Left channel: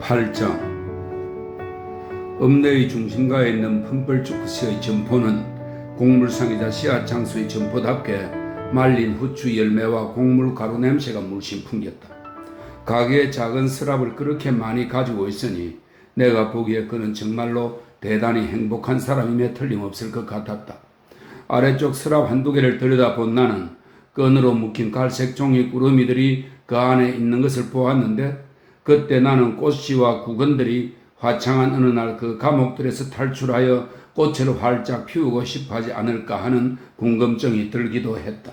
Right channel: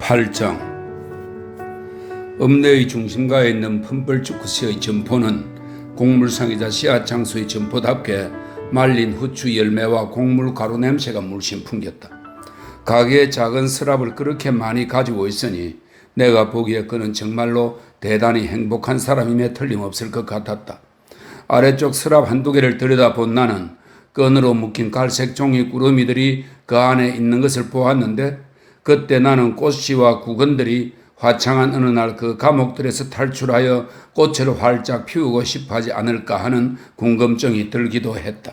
8장 읍내의 중심가에 있는 펌벌주크시의 점포는 곡물상이자 씨앗 장수의 점포답게 말린 후추 열매와 곡물 가루 냄새가 물씬 풍겼다. 가게에 작은 서랍을 그렇게 많이 가지고 있으니 내가 보기에 그는 정말로 대단히 행복한 사람임에 틀림없을 것 같았다. 아래쪽 서랍 한두 개를 들여다본 나는 끈으로 묶인 갈색 종이 꾸러미들이 그 안에 있는 것을 보았는데, 그때 나는 꽃씨와 구근들이 화창한 어느 날 그 감옥들에서 탈출하여 꽃을 활짝 피우고 싶어 하지 않을까 하는 궁금증이 들기도 했다.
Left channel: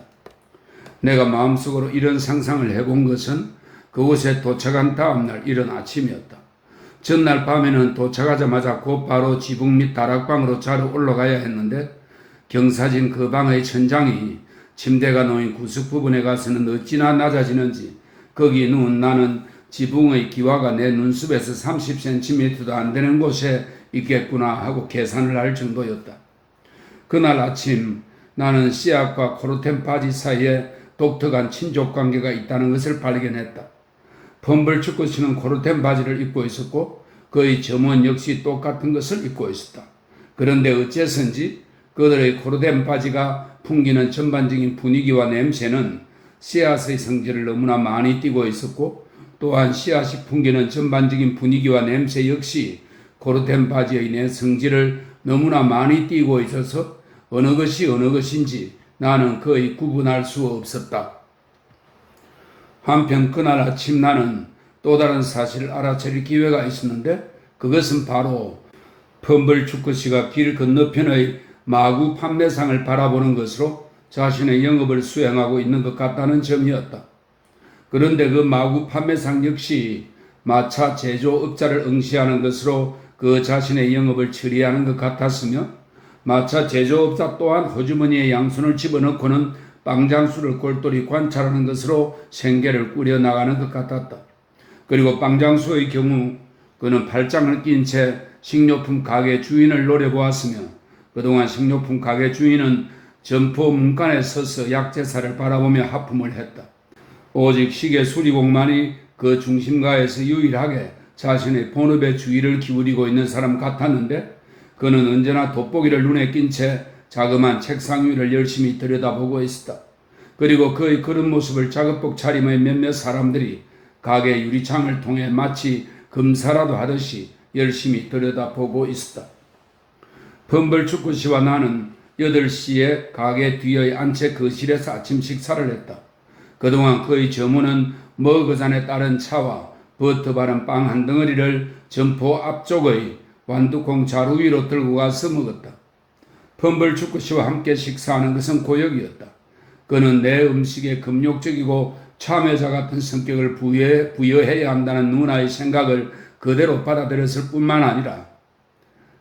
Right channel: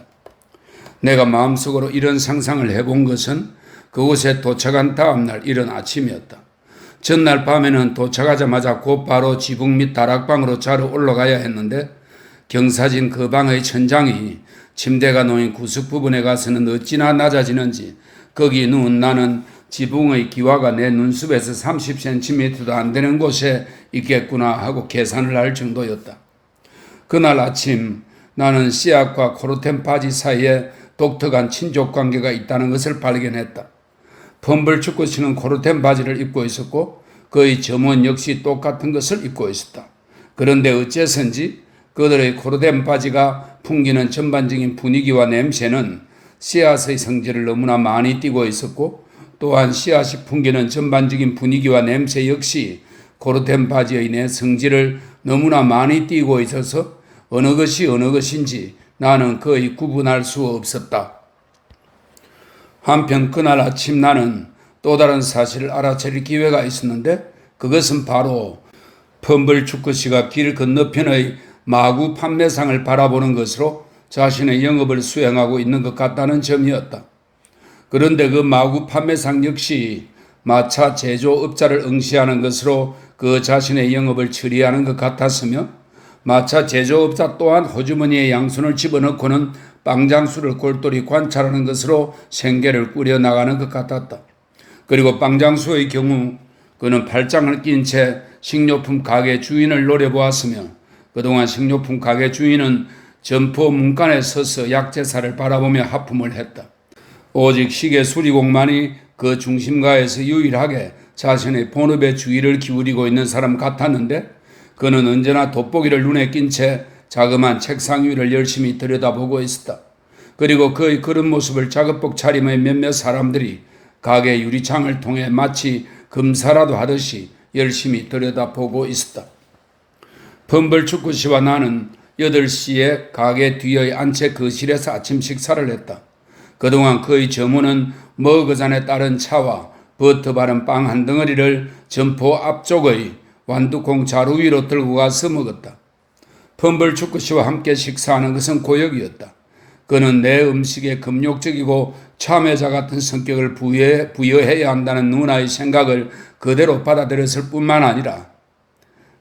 내가 마음속으로 이런 상상을 해본 것은 그곳에 도착한 다음날 이른 아침이었다. 전날 밤에는 도착하자마자 곧바로 지붕 및 다락방으로 자러 올라가야 했는데, 경사진 그 방의 천장이 침대가 놓인 구석 부분에 가서는 어찌나 낮아지는지 거기 누운 나는 지붕의 기와가 내 눈썹에서 30cm도 안 되는 곳에 있겠구나 하고 계산을 할 정도였다. 그날 아침 나는 씨앗과 코르텐 바지 사이에 독특한 친족 관계가 있다는 것을 발견했다. 펌벌주크시는 코르텐 바지를 입고 있었고 그의 점원 역시 똑같은 것을 입고 있었다. 그런데 어째서인지 그들의 코르텐 바지가 풍기는 전반적인 분위기와 냄새는 씨앗의 성질을 너무나 많이 띠고 있었고, 또한 씨앗이 풍기는 전반적인 분위기와 냄새 역시 코르텐 바지의 내 성질을 너무나 많이 띠고 있어서 어느 것이 어느 것인지 나는 거의 구분할 수 없었다. 한편 그날 아침 나는 또 다른 사실을 알아차릴 기회가 있었는데, 그것은 바로 펌벌주크시가 길 건너편의 마구 판매상을 바라보는 것으로 자신의 영업을 수행하고 있는 것 같다는 점이었다. 그런데 그 마구 판매상 역시 마차 제조업자를 응시하는 것으로 그 자신의 영업을 처리하는 것 같았으며, 마차 제조업자 또한 호주머니에 양손을 집어넣고는 빵장수를 골똘히 관찰하는 것으로 생계를 꾸려나가는 것 같았다. 그리고 빵장수의 경우 그는 팔짱을 낀 채 식료품 가게 주인을 노려보았으며, 그동안 식료품 가게 주인은 점포 문간에 서서 약재사를 바라보며 하품을 했다. 오직 시계 수리공만이 그 중심가에서 유일하게 자신의 본업에 주의를 기울이고 있는 사람 같았는데, 그는 언제나 돋보기를 눈에 낀 채 자그마한 책상 위를 열심히 들여다보고 있었다. 그리고 그의 그런 모습을 작업복 차림의 몇몇 사람들이 가게 유리창을 통해 마치 검사라도 하듯이 열심히 들여다보고 있었다. 펌벌주크시와 나는 8시에 가게 뒤의 안채 거실에서 아침 식사를 했다. 그동안 그의 점원은 머그잔에 따른 차와 버터 바른 빵 한 덩어리를 점포 앞쪽의 완두콩 자루 위로 들고 가서 먹었다. 펌벌주크시와 함께 식사하는 것은 고역이었다. 그는 내 음식에 금욕적이고 참여자 같은 성격을 부여해야 한다는 누나의 생각을 그대로 받아들였을 뿐만 아니라,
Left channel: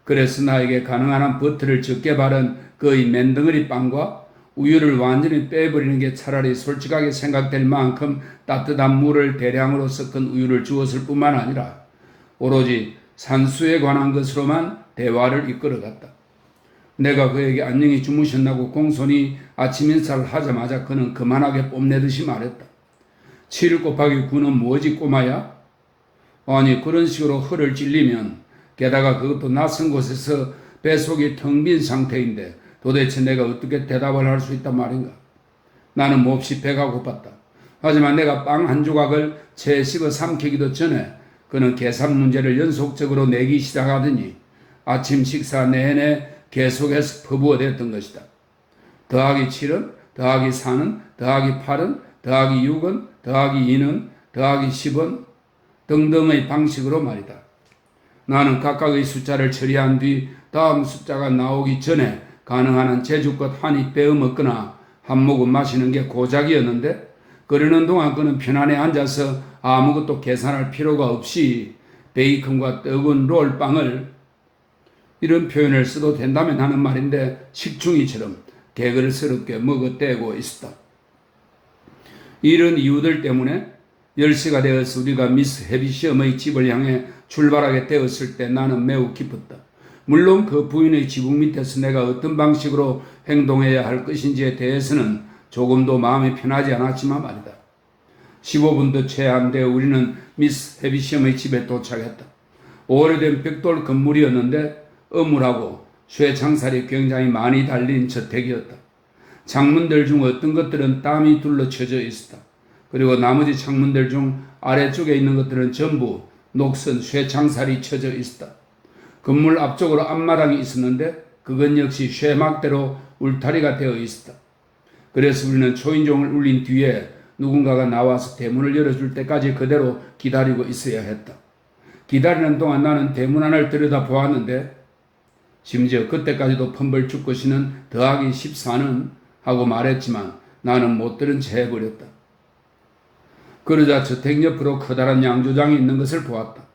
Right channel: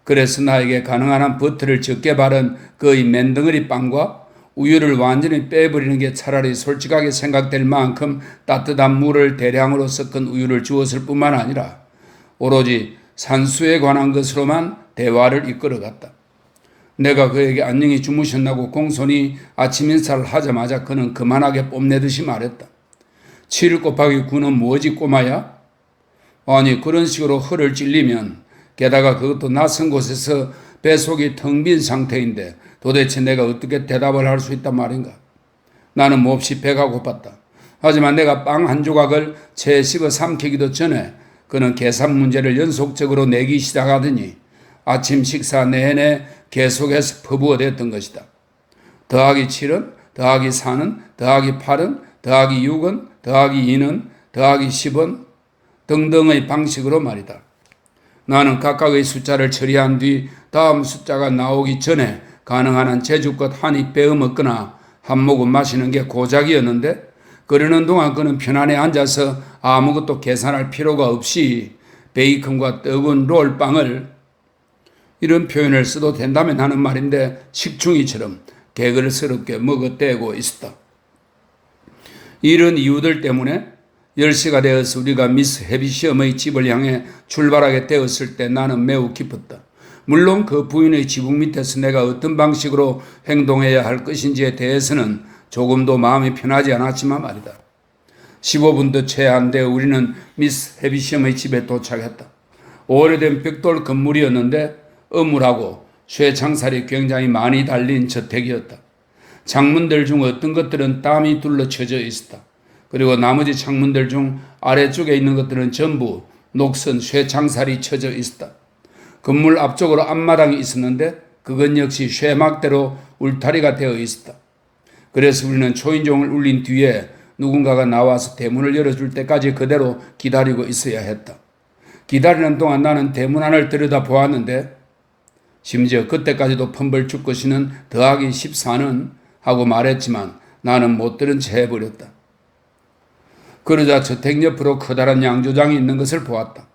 그래서 나에게 가능한 한 버터를 적게 바른 그의 맨덩어리 빵과 우유를 완전히 빼버리는 게 차라리 솔직하게 생각될 만큼 따뜻한 물을 대량으로 섞은 우유를 주었을 뿐만 아니라 오로지 산수에 관한 것으로만 대화를 이끌어갔다. 내가 그에게 안녕히 주무셨나고 공손히 아침 인사를 하자마자 그는 그만하게 뽐내듯이 말했다. 7 곱하기 9는 뭐지 꼬마야? 아니 그런 식으로 허를 찔리면, 게다가 그것도 낯선 곳에서 뱃속이 텅 빈 상태인데 도대체 내가 어떻게 대답을 할 수 있단 말인가? 나는 몹시 배가 고팠다. 하지만 내가 빵 한 조각을 채 씹어 삼키기도 전에 그는 계산 문제를 연속적으로 내기 시작하더니 아침 식사 내내 계속해서 퍼부어댔던 것이다. 더하기 7은, 더하기 4는, 더하기 8은, 더하기 6은, 더하기 2는, 더하기 10은 등등의 방식으로 말이다. 나는 각각의 숫자를 처리한 뒤 다음 숫자가 나오기 전에 가능한 한 제주껏 한 입 빼어 먹거나 한 모금 마시는 게 고작이었는데, 그러는 동안 그는 편안히 앉아서 아무것도 계산할 필요가 없이 베이컨과 떡은 롤빵을, 이런 표현을 써도 된다면 하는 말인데, 식충이처럼 개걸스럽게 먹어대고 있었다. 이런 이유들 때문에 10시가 되어서 우리가 미스 해비시엄의 집을 향해 출발하게 되었을 때 나는 매우 기뻤다. 물론 그 부인의 지붕 밑에서 내가 어떤 방식으로 행동해야 할 것인지에 대해서는 조금도 마음이 편하지 않았지만 말이다. 15분도 채 안 돼 우리는 미스 해비시엄의 집에 도착했다. 오래된 벽돌 건물이었는데 어물하고 쇠창살이 굉장히 많이 달린 저택이었다. 창문들 중 어떤 것들은 땀이 둘러쳐져 있었다. 그리고 나머지 창문들 중 아래쪽에 있는 것들은 전부 녹슨 쇠창살이 쳐져 있었다. 건물 앞쪽으로 앞마당이 있었는데 그건 역시 쇠막대로 울타리가 되어 있었다. 그래서 우리는 초인종을 울린 뒤에 누군가가 나와서 대문을 열어줄 때까지 그대로 기다리고 있어야 했다. 기다리는 동안 나는 대문 안을 들여다보았는데 심지어 그때까지도 펌벌 축구씨는 더하기 14는 하고 말했지만 나는 못 들은 채 해버렸다. 그러자 저택 옆으로 커다란 양조장이 있는 것을 보았다.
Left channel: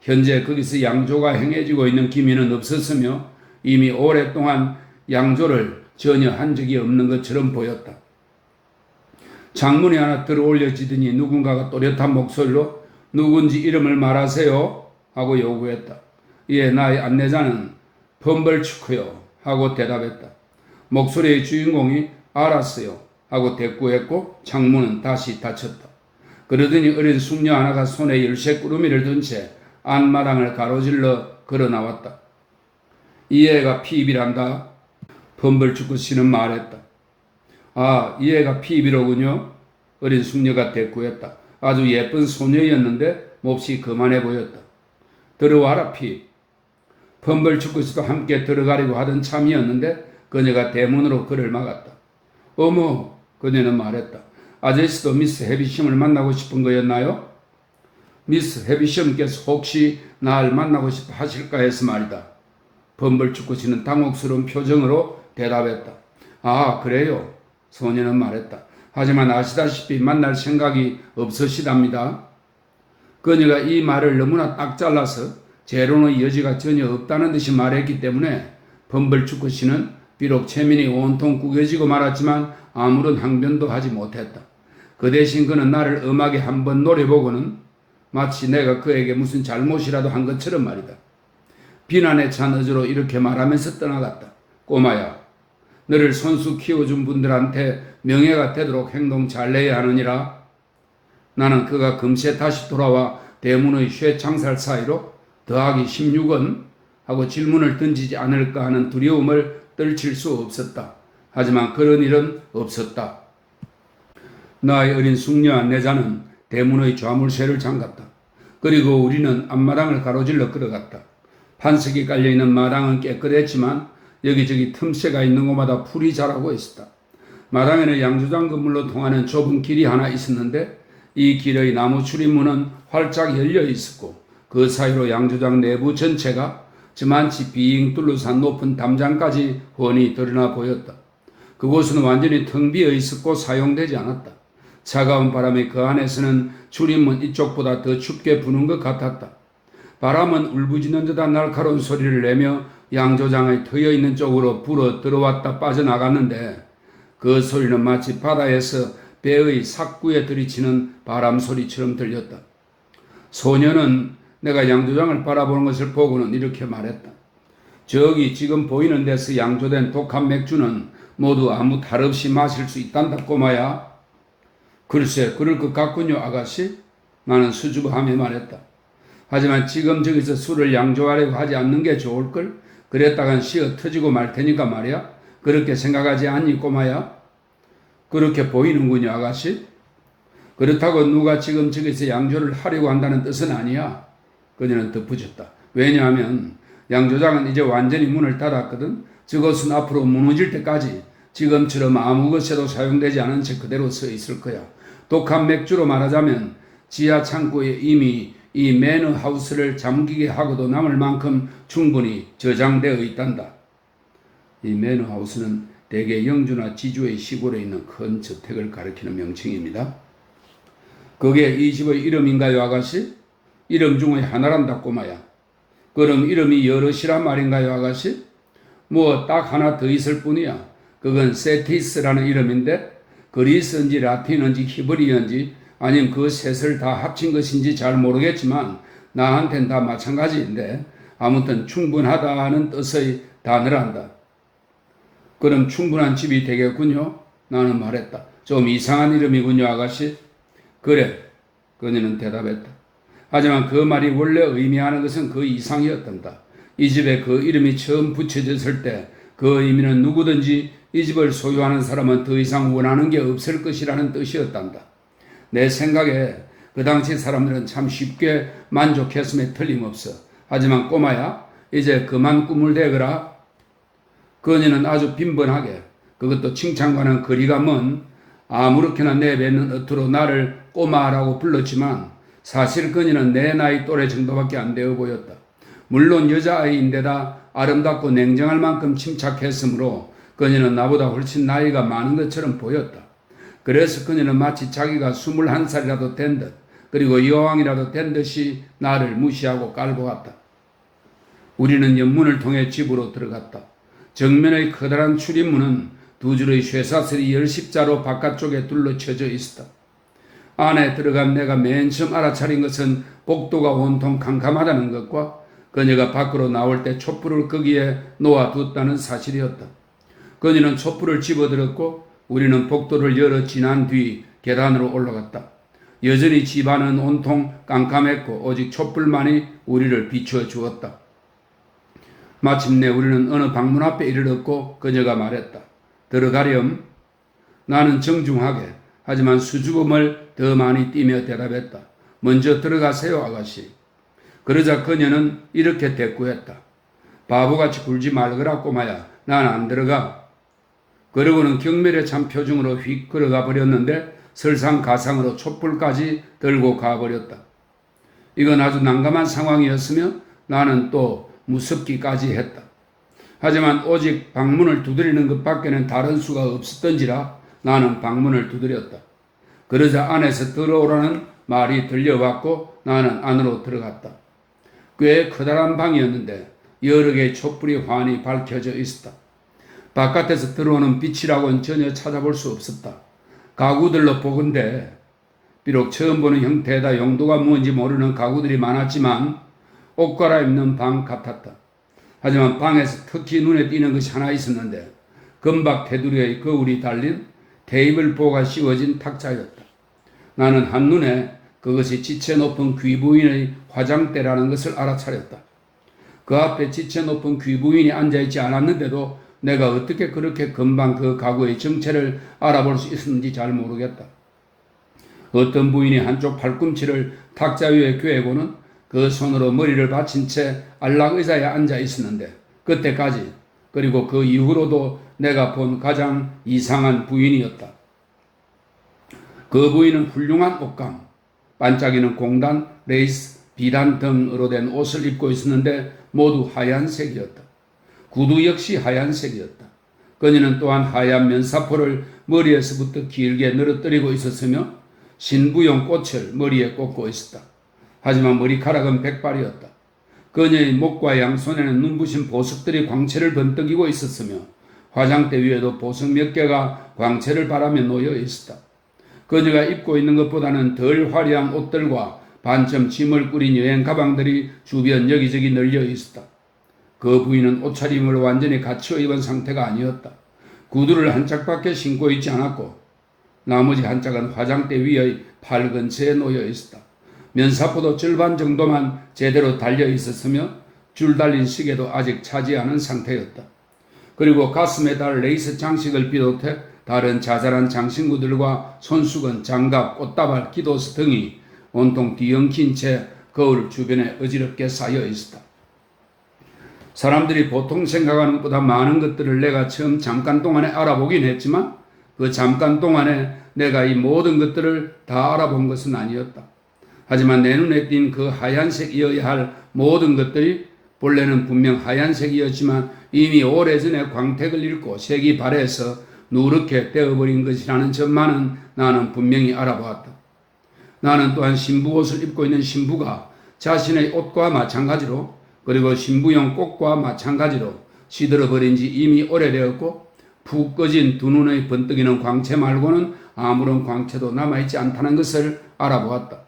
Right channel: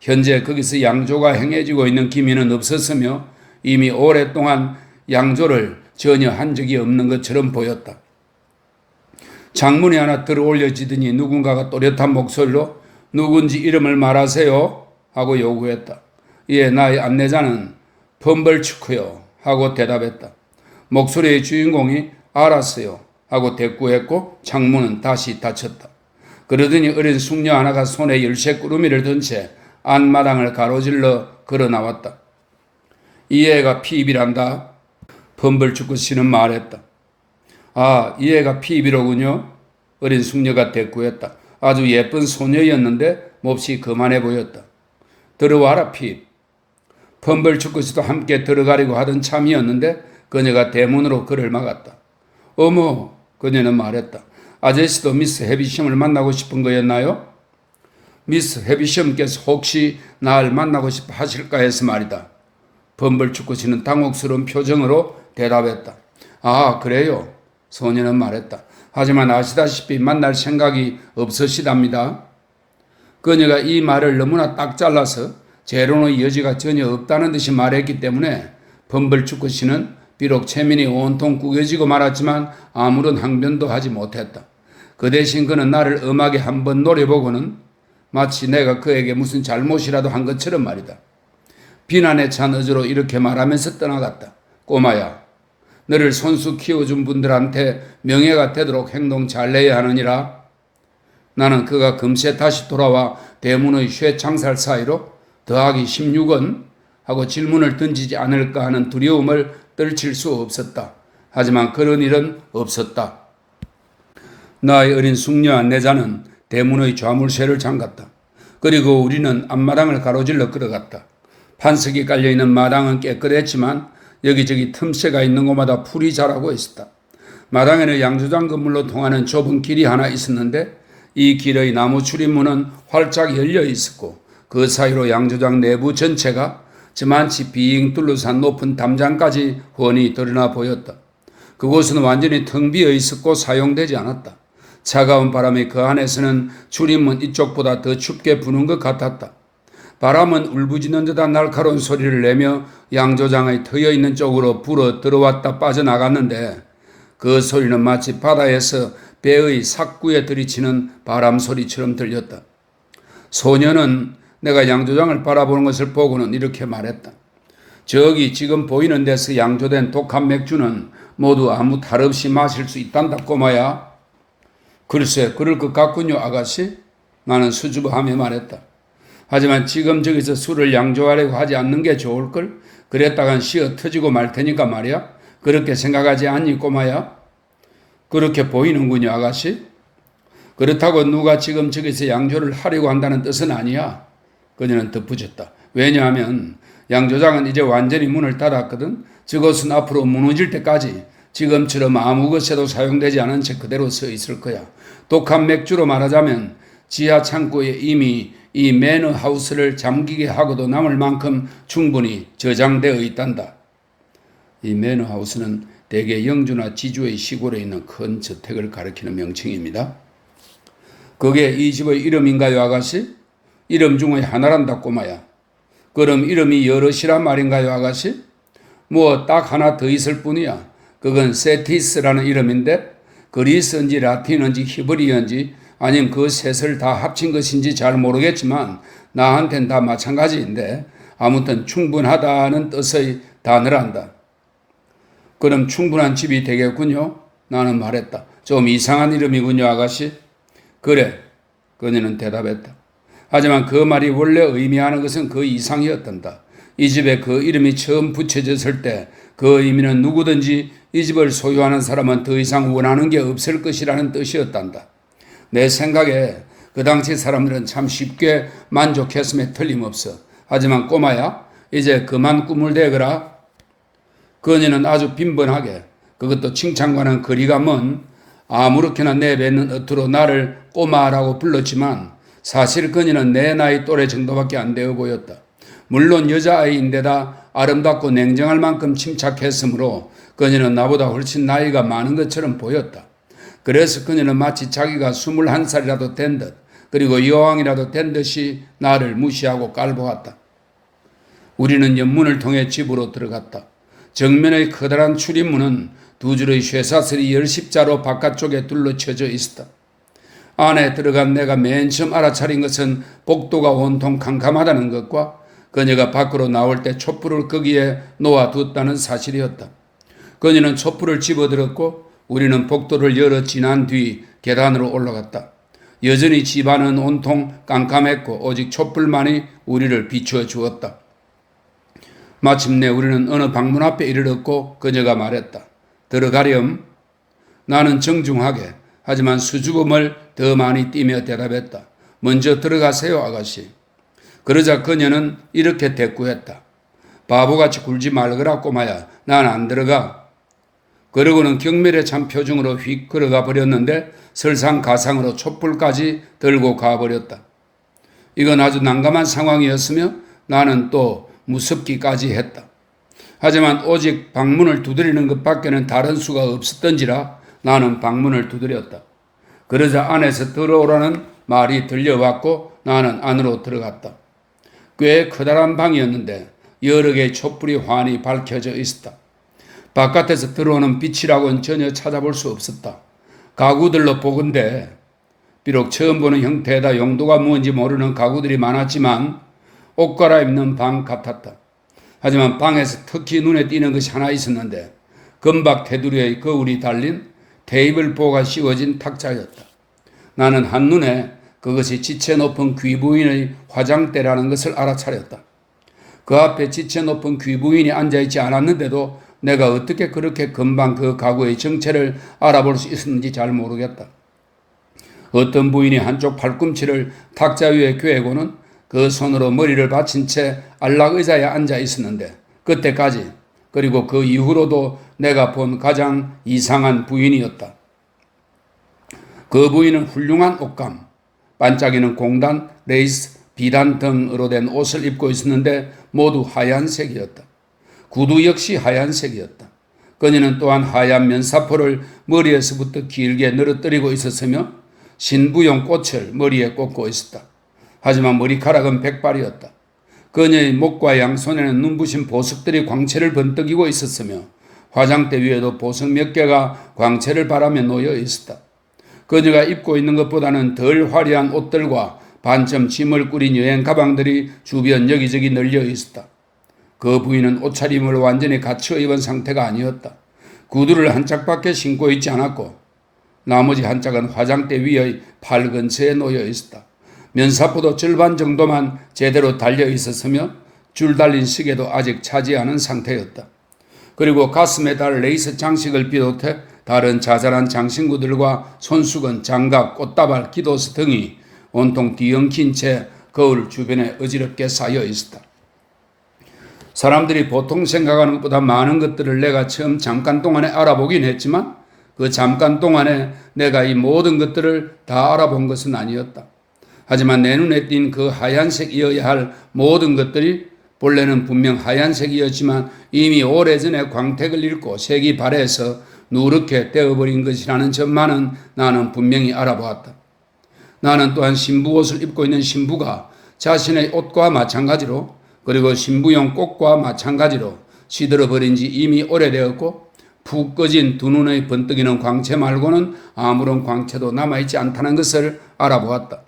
현재 거기서 양조가 행해지고 있는 기미는 없었으며 이미 오랫동안 양조를 전혀 한 적이 없는 것처럼 보였다. 창문이 하나 들어올려지더니 누군가가 또렷한 목소리로 누군지 이름을 말하세요 하고 요구했다. 이에 나의 안내자는 펌벌추크요 하고 대답했다. 목소리의 주인공이 알았어요 하고 대꾸했고 창문은 다시 닫혔다. 그러더니 어린 숙녀 하나가 손에 열쇠 꾸러미를 든 채 안마당을 가로질러 걸어 나왔다. 이 애가 피입이란다. 펌벌추크 씨는 말했다. 아, 이 애가 피입이로군요. 어린 숙녀가 대꾸했다. 아주 예쁜 소녀였는데 몹시 거만해 보였다. 들어와라 피입. 펌벌추크 씨도 함께 들어가려고 하던 참이었는데 그녀가 대문으로 그를 막았다. 어머, 그녀는 말했다. 아저씨도 미스 해비시엄을 만나고 싶은 거였나요? 미스 해비시엄께서 혹시 날 만나고 싶어 하실까 해서 말이다. 펌벌추크 씨는 당혹스러운 표정으로 대답했다. 아, 그래요? 소녀는 말했다. 하지만 아시다시피 만날 생각이 없으시답니다. 그녀가 이 말을 너무나 딱 잘라서 재론의 여지가 전혀 없다는 듯이 말했기 때문에 펌벌추크 씨는 비록 체면이 온통 구겨지고 말았지만 아무런 항변도 하지 못했다. 그 대신 그는 나를 엄하게 한번 노려보고는 마치 내가 그에게 무슨 잘못이라도 한 것처럼 말이다. 비난에 찬 어조로 이렇게 말하면서 떠나갔다. 꼬마야, 너를 손수 키워준 분들한테 명예가 되도록 행동 잘내야 하느니라. 나는 그가 금세 다시 돌아와 대문의 쇠창살 사이로 더하기 16은 하고 질문을 던지지 않을까 하는 두려움을 떨칠 수 없었다. 하지만 그런 일은 없었다. 나의 어린 숙녀 안내자는 대문의 좌물쇠를 잠갔다. 그리고 우리는 앞마당을 가로질러 걸어갔다. 판석이 깔려있는 마당은 깨끗했지만 여기저기 틈새가 있는 곳마다 풀이 자라고 있었다. 마당에는 양조장 건물로 통하는 좁은 길이 하나 있었는데 이 길의 나무 출입문은 활짝 열려 있었고 그 사이로 양조장 내부 전체가 저만치 빙 둘러싼 높은 담장까지 훤히 드러나 보였다. 그곳은 완전히 텅 비어 있었고 사용되지 않았다. 차가운 바람이 그 안에서는 출입문 이쪽보다 더 춥게 부는 것 같았다. 바람은 울부짖는 듯한 날카로운 소리를 내며 양조장의 트여있는 쪽으로 불어 들어왔다 빠져나갔는데 그 소리는 마치 바다에서 배의 삭구에 들이치는 바람 소리처럼 들렸다. 소녀는 내가 양조장을 바라보는 것을 보고는 이렇게 말했다. 저기 지금 보이는 데서 양조된 독한 맥주는 모두 아무 탈 없이 마실 수 있단다 꼬마야. 글쎄 그럴 것 같군요 아가씨. 나는 수줍어하며 말했다. 하지만 지금 저기서 술을 양조하려고 하지 않는 게 좋을걸? 그랬다간 쉬어 터지고 말 테니까 말이야. 그렇게 생각하지 않니 꼬마야? 그렇게 보이는군요 아가씨. 그렇다고 누가 지금 저기서 양조를 하려고 한다는 뜻은 아니야. 그녀는 덧붙였다. 왜냐하면 양조장은 이제 완전히 문을 닫았거든. 저것은 앞으로 무너질 때까지 지금처럼 아무 것에도 사용되지 않은 채 그대로 서 있을 거야. 독한 맥주로 말하자면 지하 창고에 이미 이 매너하우스를 잠기게 하고도 남을 만큼 충분히 저장되어 있단다. 이 매너하우스는 대개 영주나 지주의 시골에 있는 큰 저택을 가리키는 명칭입니다. 그게 이 집의 이름인가요 아가씨? 이름 중에 하나란다 꼬마야. 그럼 이름이 여럿이란 말인가요 아가씨? 뭐 딱 하나 더 있을 뿐이야. 그건 세티스라는 이름인데 그리스인지 라틴인지 히브리어인지 아니면 그 셋을 다 합친 것인지 잘 모르겠지만 나한텐 다 마찬가지인데 아무튼 충분하다는 뜻의 단어란다. 그럼 충분한 집이 되겠군요. 나는 말했다. 좀 이상한 이름이군요 아가씨. 그래, 그녀는 대답했다. 하지만 그 말이 원래 의미하는 것은 그 이상이었단다. 이 집에 그 이름이 처음 붙여졌을 때 그 의미는 누구든지 이 집을 소유하는 사람은 더 이상 원하는 게 없을 것이라는 뜻이었단다. 내 생각에 그 당시 사람들은 참 쉽게 만족했음에 틀림없어. 하지만 꼬마야, 이제 그만 꿈을 대거라. 그녀는 아주 빈번하게, 그것도 칭찬과는 거리가 먼 아무렇게나 내뱉는 어투로 나를 꼬마라고 불렀지만 사실 그녀는 내 나이 또래 정도밖에 안 되어 보였다. 물론 여자아이인데다 아름답고 냉정할 만큼 침착했으므로 그녀는 나보다 훨씬 나이가 많은 것처럼 보였다. 그래서 그녀는 마치 자기가 21살이라도 된 듯, 그리고 여왕이라도 된 듯이 나를 무시하고 깔보았다. 우리는 연문을 통해 집으로 들어갔다. 정면의 커다란 출입문은 두 줄의 쇠사슬이 열십자로 바깥쪽에 둘러쳐져 있었다. 안에 들어간 내가 맨 처음 알아차린 것은 복도가 온통 캄캄하다는 것과 그녀가 밖으로 나올 때 촛불을 거기에 놓아두었다는 사실이었다. 그녀는 촛불을 집어들었고 우리는 복도를 열어 지난 뒤 계단으로 올라갔다. 여전히 집안은 온통 깜깜했고 오직 촛불만이 우리를 비추어 주었다. 마침내 우리는 어느 방문 앞에 이르렀고 그녀가 말했다. 들어가렴. 나는 정중하게 하지만 수줍음을 더 많이 띠며 대답했다. 먼저 들어가세요, 아가씨. 그러자 그녀는 이렇게 대꾸했다. 바보같이 굴지 말거라 꼬마야. 난 안 들어가. 그러고는 경멸에 찬 표정으로 휙 걸어가 버렸는데 설상가상으로 촛불까지 들고 가버렸다. 이건 아주 난감한 상황이었으며 나는 또 무섭기까지 했다. 하지만 오직 방문을 두드리는 것밖에는 다른 수가 없었던지라 나는 방문을 두드렸다. 그러자 안에서 들어오라는 말이 들려왔고 나는 안으로 들어갔다. 꽤 커다란 방이었는데 여러 개의 촛불이 환히 밝혀져 있었다. 바깥에서 들어오는 빛이라고는 전혀 찾아볼 수 없었다. 가구들로 보건대 비록 처음 보는 형태에다 용도가 무엇인지 모르는 가구들이 많았지만 옷 갈아입는 방 같았다. 하지만 방에서 특히 눈에 띄는 것이 하나 있었는데 금박 테두리에 거울이 달린 테이블보가 씌워진 탁자였다. 나는 한눈에 그것이 지체 높은 귀부인의 화장대라는 것을 알아차렸다. 그 앞에 지체 높은 귀부인이 앉아있지 않았는데도 내가 어떻게 그렇게 금방 그 가구의 정체를 알아볼 수 있었는지 잘 모르겠다. 어떤 부인이 한쪽 팔꿈치를 탁자 위에 꿰고는 그 손으로 머리를 받친 채 안락의자에 앉아 있었는데 그때까지 그리고 그 이후로도 내가 본 가장 이상한 부인이었다. 그 부인은 훌륭한 옷감, 반짝이는 공단, 레이스, 비단 등으로 된 옷을 입고 있었는데 모두 하얀색이었다. 구두 역시 하얀색이었다. 그녀는 또한 하얀 면사포를 머리에서부터 길게 늘어뜨리고 있었으며 신부용 꽃을 머리에 꽂고 있었다. 하지만 머리카락은 백발이었다. 그녀의 목과 양손에는 눈부신 보석들이 광채를 번뜩이고 있었으며 화장대 위에도 보석 몇 개가 광채를 바라며 놓여 있었다. 그녀가 입고 있는 것보다는 덜 화려한 옷들과 반쯤 짐을 꾸린 여행 가방들이 주변 여기저기 널려 있었다. 그 부인은 옷차림을 완전히 갖추어 입은 상태가 아니었다. 구두를 한 짝밖에 신고 있지 않았고 나머지 한 짝은 화장대 위의 팔 근처에 놓여 있었다. 면사포도 절반 정도만 제대로 달려 있었으며 줄 달린 시계도 아직 차지 않은 상태였다. 그리고 가슴에 달 레이스 장식을 비롯해 다른 자잘한 장신구들과 손수건, 장갑, 꽃다발, 기도서 등이 온통 뒤엉킨 채 거울 주변에 어지럽게 쌓여 있었다. 사람들이 보통 생각하는 것보다 많은 것들을 내가 처음 잠깐 동안에 알아보긴 했지만 그 잠깐 동안에 내가 이 모든 것들을 다 알아본 것은 아니었다. 하지만 내 눈에 띈 그 하얀색이어야 할 모든 것들이 본래는 분명 하얀색이었지만 이미 오래전에 광택을 잃고 색이 발해서 누렇게 되어버린 것이라는 점만은 나는 분명히 알아보았다. 나는 또한 신부 옷을 입고 있는 신부가 자신의 옷과 마찬가지로 그리고 신부용 꽃과 마찬가지로 시들어버린 지 이미 오래되었고 푹 꺼진 두 눈의 번뜩이는 광채 말고는 아무런 광채도 남아있지 않다는 것을 알아보았다.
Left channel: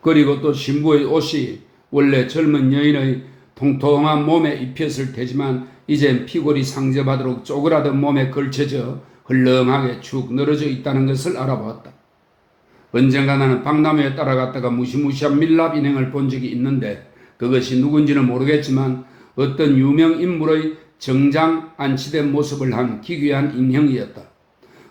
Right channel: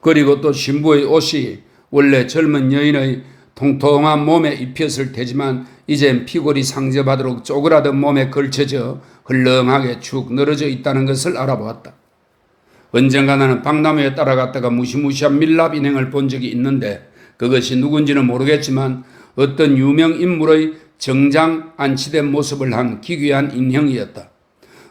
그리고 또 신부의 옷이 원래 젊은 여인의 통통한 몸에 입혔을 테지만 이젠 피골이 상접하도록 쪼그라든 몸에 걸쳐져 흘렁하게 축 늘어져 있다는 것을 알아보았다. 언젠가 나는 박람회에 따라갔다가 무시무시한 밀랍 인형을 본 적이 있는데 그것이 누군지는 모르겠지만 어떤 유명 인물의 정장 안치된 모습을 한 기괴한 인형이었다.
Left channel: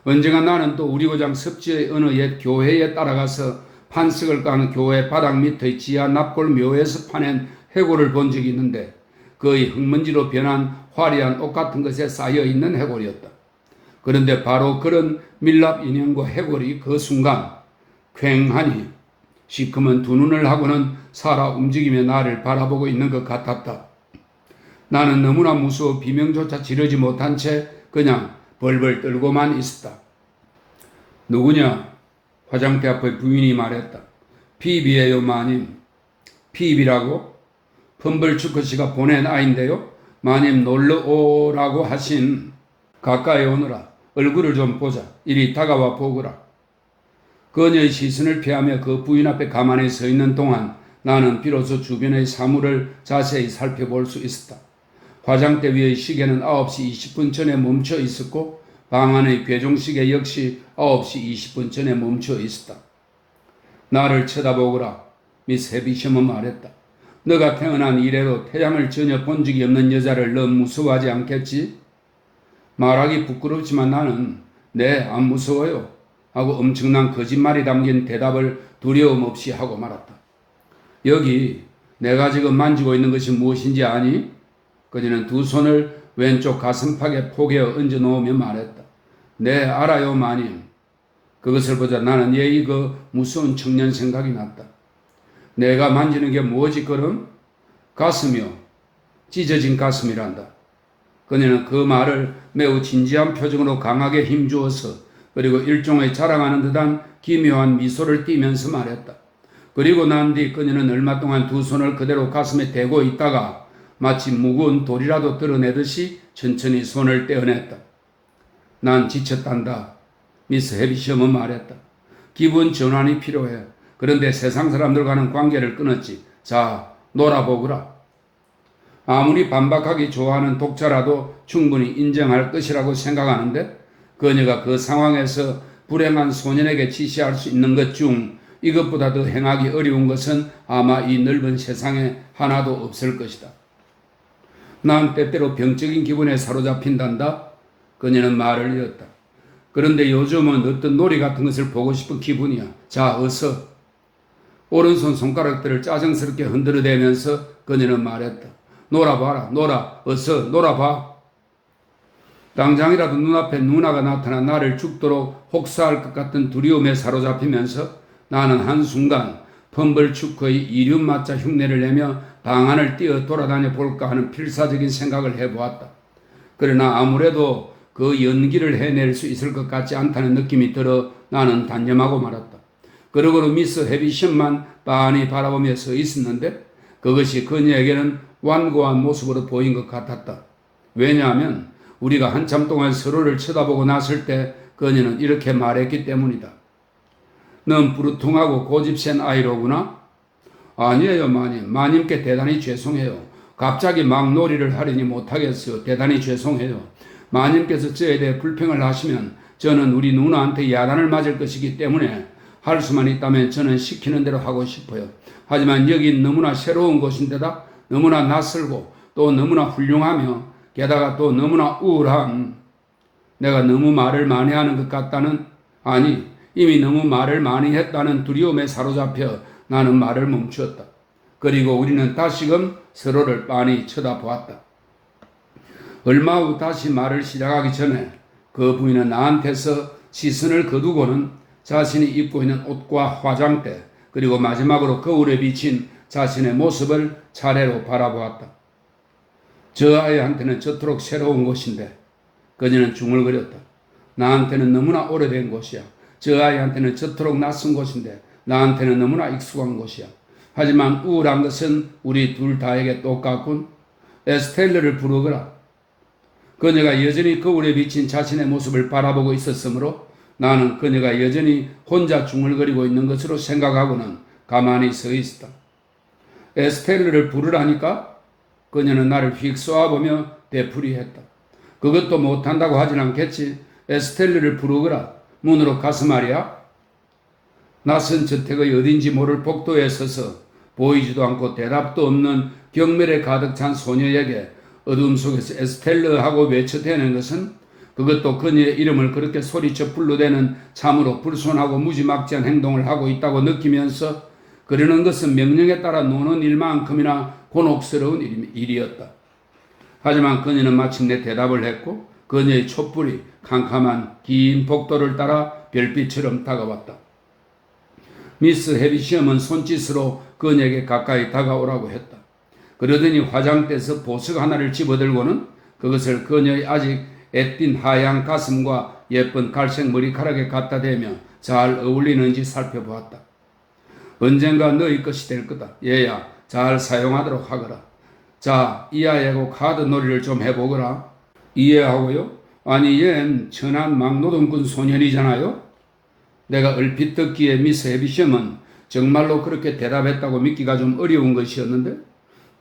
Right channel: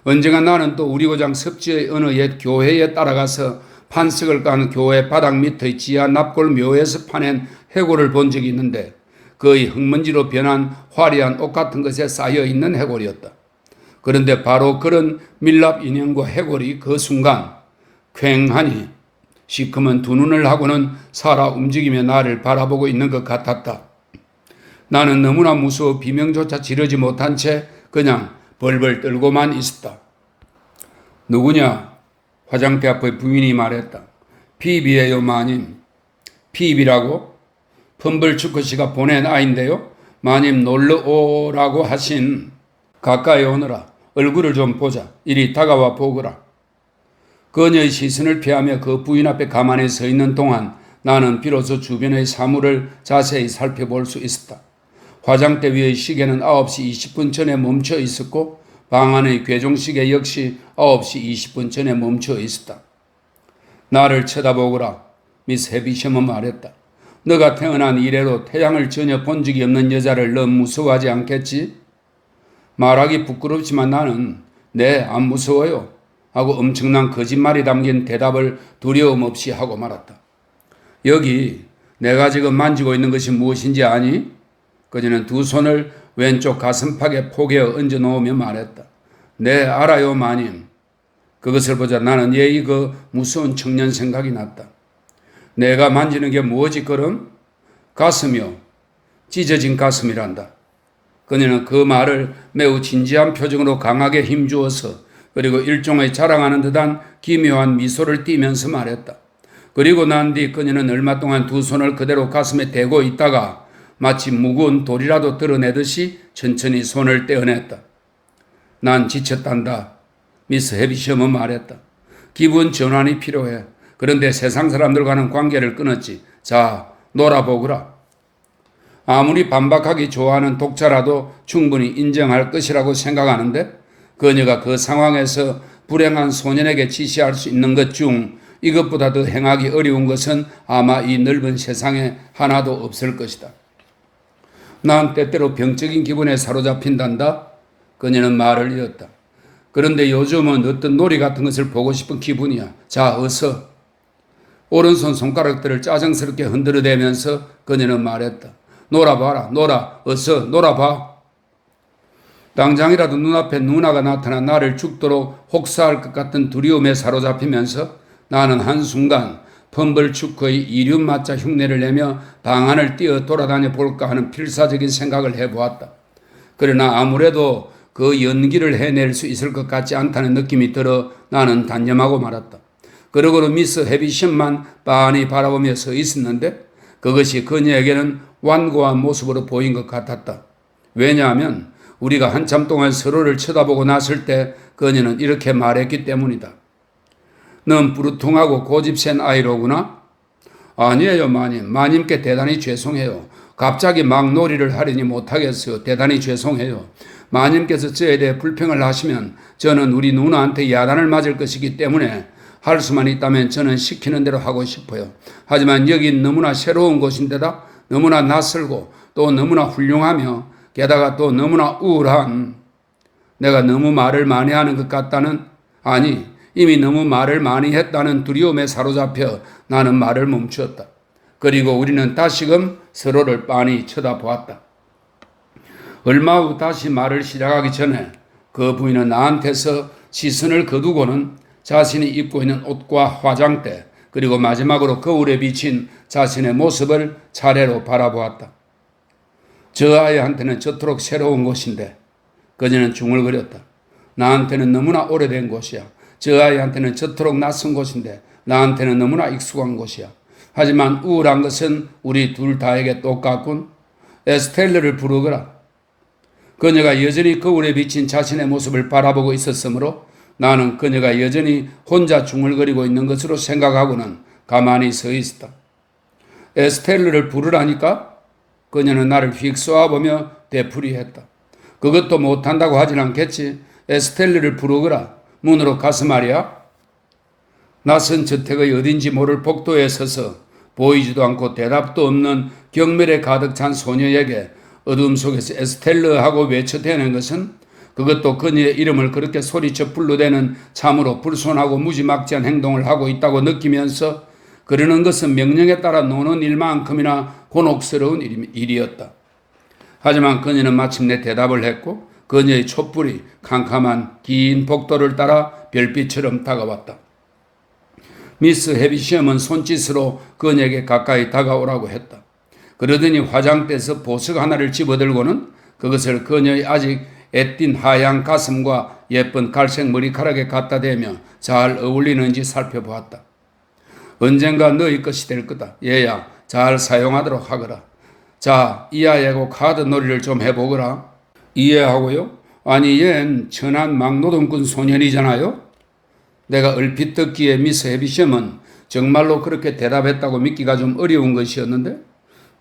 언젠가 나는 또 우리 고장 섭지의 어느 옛 교회에 따라가서 판석을 깐 교회 바닥 밑의 지하 납골 묘에서 파낸 해골을 본 적이 있는데 거의 흙먼지로 변한 화려한 옷 같은 것에 쌓여있는 해골이었다. 그런데 바로 그런 밀랍 인형과 해골이 그 순간 퀭하니 시커먼 두 눈을 하고는 살아 움직이며 나를 바라보고 있는 것 같았다. 나는 너무나 무서워 비명조차 지르지 못한 채 그냥 벌벌 떨고만 있었다. 누구냐? 화장대 앞의 부인이 말했다. 피비예요, 마님. 피비라고? 펌블추크씨가 보낸 아인데요. 마님 놀러 오라고 하신. 가까이 오너라. 얼굴을 좀 보자. 이리 다가와 보거라. 그녀의 시선을 피하며 그 부인 앞에 가만히 서 있는 동안 나는 비로소 주변의 사물을 자세히 살펴볼 수 있었다. 화장대 위의 시계는 9시 20분 전에 멈춰 있었고 방 안의 괴종시계 역시 9시 20분 전에 멈춰 있었다. 나를 쳐다보거라. 미스 헤비셔먼 말했다. 너가 태어난 이래로 태양을 전혀 본 적이 없는 여자를 너 무서워하지 않겠지? 말하기 부끄럽지만 나는 네, 안 무서워요 하고 엄청난 거짓말이 담긴 대답을 두려움 없이 하고 말았다. 여기 내가 지금 만지고 있는 것이 무엇인지 아니? 그녀는 두 손을 왼쪽 가슴팍에 포개어 얹어 놓으며 말했다. 네, 알아요, 마님. 그것을 보자 나는 예의 그 무서운 청년 생각이 났다. 내가 만지는 게 뭐지 그럼? 가슴이요. 찢어진 가슴이란다. 그녀는 그 말을 매우 진지한 표정으로 강하게 힘주어서 그리고 일종의 자랑하는 듯한 기묘한 미소를 띠면서 말했다. 그리고 난 뒤 그녀는 얼마 동안 두 손을 그대로 가슴에 대고 있다가 마치 무거운 돌이라도 드러내듯이 천천히 손을 떼어냈다. 난 지쳤단다. 미스 헤비셔먼 말했다. 기분 전환이 필요해. 그런데 세상 사람들과는 관계를 끊었지. 자, 놀아보거라. 아무리 반박하기 좋아하는 독자라도 충분히 인정할 것이라고 생각하는데 그녀가 그 상황에서 불행한 소년에게 지시할 수 있는 것 중 이것보다 더 행하기 어려운 것은 아마 이 넓은 세상에 하나도 없을 것이다. 난 때때로 병적인 기분에 사로잡힌단다. 그녀는 말을 이었다. 그런데 요즘은 어떤 놀이 같은 것을 보고 싶은 기분이야. 자, 어서. 오른손 손가락들을 짜증스럽게 흔들어대면서 그녀는 말했다. 놀아봐라. 놀아. 어서 놀아봐. 당장이라도 눈앞에 누나가 나타나 나를 죽도록 혹사할 것 같은 두려움에 사로잡히면서 나는 한순간 펌블추크의 이륜마차 흉내를 내며 방 안을 뛰어 돌아다녀 볼까 하는 필사적인 생각을 해보았다. 그러나 아무래도 그 연기를 해낼 수 있을 것 같지 않다는 느낌이 들어 나는 단념하고 말았다. 그러고는 미스 헤비션만 빤히 바라보며 서 있었는데 그것이 그녀에게는 완고한 모습으로 보인 것 같았다. 왜냐하면 우리가 한참 동안 서로를 쳐다보고 났을 때 그녀는 이렇게 말했기 때문이다. 넌 부르퉁하고 고집센 아이로구나? 아니에요, 마님. 마님께 대단히 죄송해요. 갑자기 막 놀이를 하려니 못하겠어요. 대단히 죄송해요. 마님께서 저에 대해 불평을 하시면 저는 우리 누나한테 야단을 맞을 것이기 때문에 할 수만 있다면 저는 시키는 대로 하고 싶어요. 하지만 여긴 너무나 새로운 곳인데다 너무나 낯설고 또 너무나 훌륭하며 게다가 또 너무나 우울한 내가 너무 말을 많이 하는 것 같다는 아니 이미 너무 말을 많이 했다는 두려움에 사로잡혀 나는 말을 멈추었다. 그리고 우리는 다시금 서로를 빤히 쳐다보았다. 얼마 후 다시 말을 시작하기 전에 그 부인은 나한테서 시선을 거두고는 자신이 입고 있는 옷과 화장대 그리고 마지막으로 거울에 비친 자신의 모습을 차례로 바라보았다. 저 아이한테는 저토록 새로운 곳인데 그녀는 중얼거렸다. 나한테는 너무나 오래된 곳이야. 저 아이한테는 저토록 낯선 곳인데 나한테는 너무나 익숙한 곳이야. 하지만 우울한 것은 우리 둘 다에게 똑같군. 에스텔레를 부르거라. 그녀가 여전히 거울에 비친 자신의 모습을 바라보고 있었으므로 나는 그녀가 여전히 혼자 중얼거리고 있는 것으로 생각하고는 가만히 서 있었다. 에스텔레를 부르라니까? 그녀는 나를 휙 쏘아보며 되풀이했다. 그것도 못한다고 하진 않겠지. 에스텔레를 부르거라. 문으로 가서 말이야. 낯선 저택의 어딘지 모를 복도에 서서 보이지도 않고 대답도 없는 경멸에 가득 찬 소녀에게 어둠 속에서 에스텔러 하고 외쳐대는 것은, 그것도 그녀의 이름을 그렇게 소리쳐 불러대는 참으로 불손하고 무지막지한 행동을 하고 있다고 느끼면서 그러는 것은 명령에 따라 노는 일만큼이나 곤혹스러운 일이었다. 하지만 그녀는 마침내 대답을 했고 그녀의 촛불이 캄캄한 긴 복도를 따라 별빛처럼 다가왔다. 미스 해비시엄은 손짓으로 그녀에게 가까이 다가오라고 했다. 그러더니 화장대에서 보석 하나를 집어들고는 그것을 그녀의 아직 애띤 하얀 가슴과 예쁜 갈색 머리카락에 갖다 대며 잘 어울리는지 살펴보았다. 언젠가 너희 것이 될 거다. 얘야, 잘 사용하도록 하거라. 자, 이 아이하고 카드 놀이를 좀 해보거라. 이해하고요? 아니, 얜 천한 막노동꾼 소년이잖아요? 내가 얼핏 듣기에 미스 해비시엄은 정말로 그렇게 대답했다고 믿기가 좀 어려운 것이었는데,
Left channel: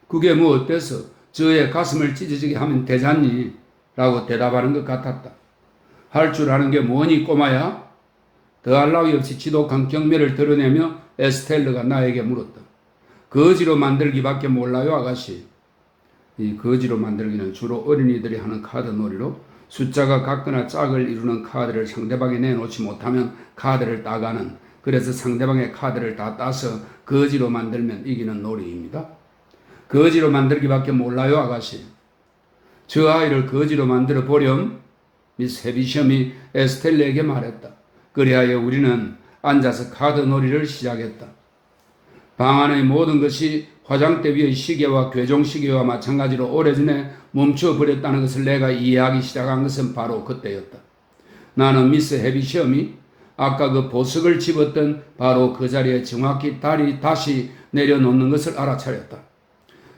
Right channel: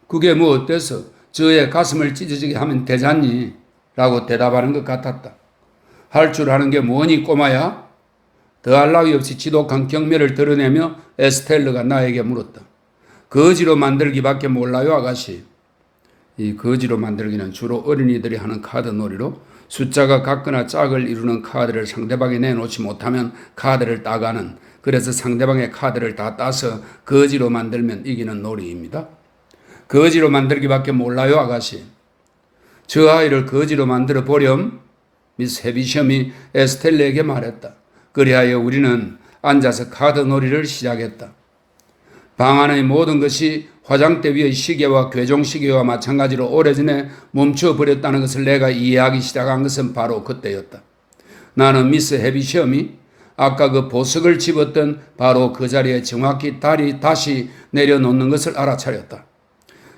그게 뭐 어때서 저의 가슴을 찢어지게 하면 되잖니? 라고 대답하는 것 같았다. 할 줄 아는 게 뭐니 꼬마야? 더할 나위 없이 지독한 경멸을 드러내며 에스텔러가 나에게 물었다. 거지로 만들기밖에 몰라요, 아가씨. 이 거지로 만들기는 주로 어린이들이 하는 카드 놀이로 숫자가 같거나 짝을 이루는 카드를 상대방이 내놓지 못하면 카드를 따가는, 그래서 상대방의 카드를 다 따서 거지로 만들면 이기는 놀이입니다. 거지로 만들기밖에 몰라요, 아가씨. 저 아이를 거지로 만들어 보렴. 미스 해비시엄이 에스텔레에게 말했다. 그리하여 우리는 앉아서 카드 놀이를 시작했다. 방 안의 모든 것이 화장대 위의 시계와 괴종시계와 마찬가지로 오래전에 멈춰버렸다는 것을 내가 이해하기 시작한 것은 바로 그때였다. 나는 미스 해비시엄이 아까 그 보석을 집었던 바로 그 자리에 정확히 다시 내려놓는 것을 알아차렸다.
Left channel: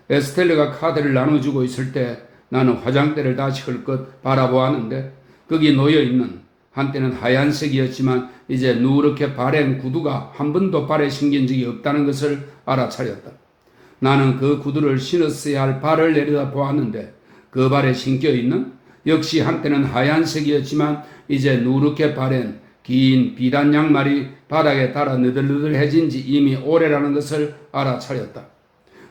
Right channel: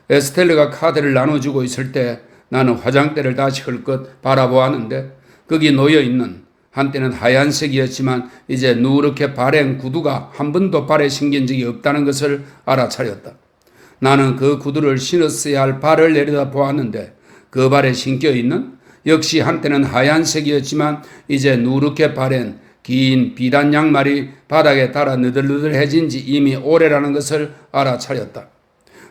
에스텔레가 카드를 나눠주고 있을 때 나는 화장대를 다시 흘끗 바라보았는데 거기 놓여있는, 한때는 하얀색이었지만 이제 누렇게 바랜 구두가 한 번도 발에 신긴 적이 없다는 것을 알아차렸다. 나는 그 구두를 신었어야 할 발을 내려다 보았는데 그 발에 신겨있는, 역시 한때는 하얀색이었지만 이제 누렇게 바랜 긴 비단 양말이 바닥에 닿아 느들느들해진 지 이미 오래라는 것을 알아차렸다.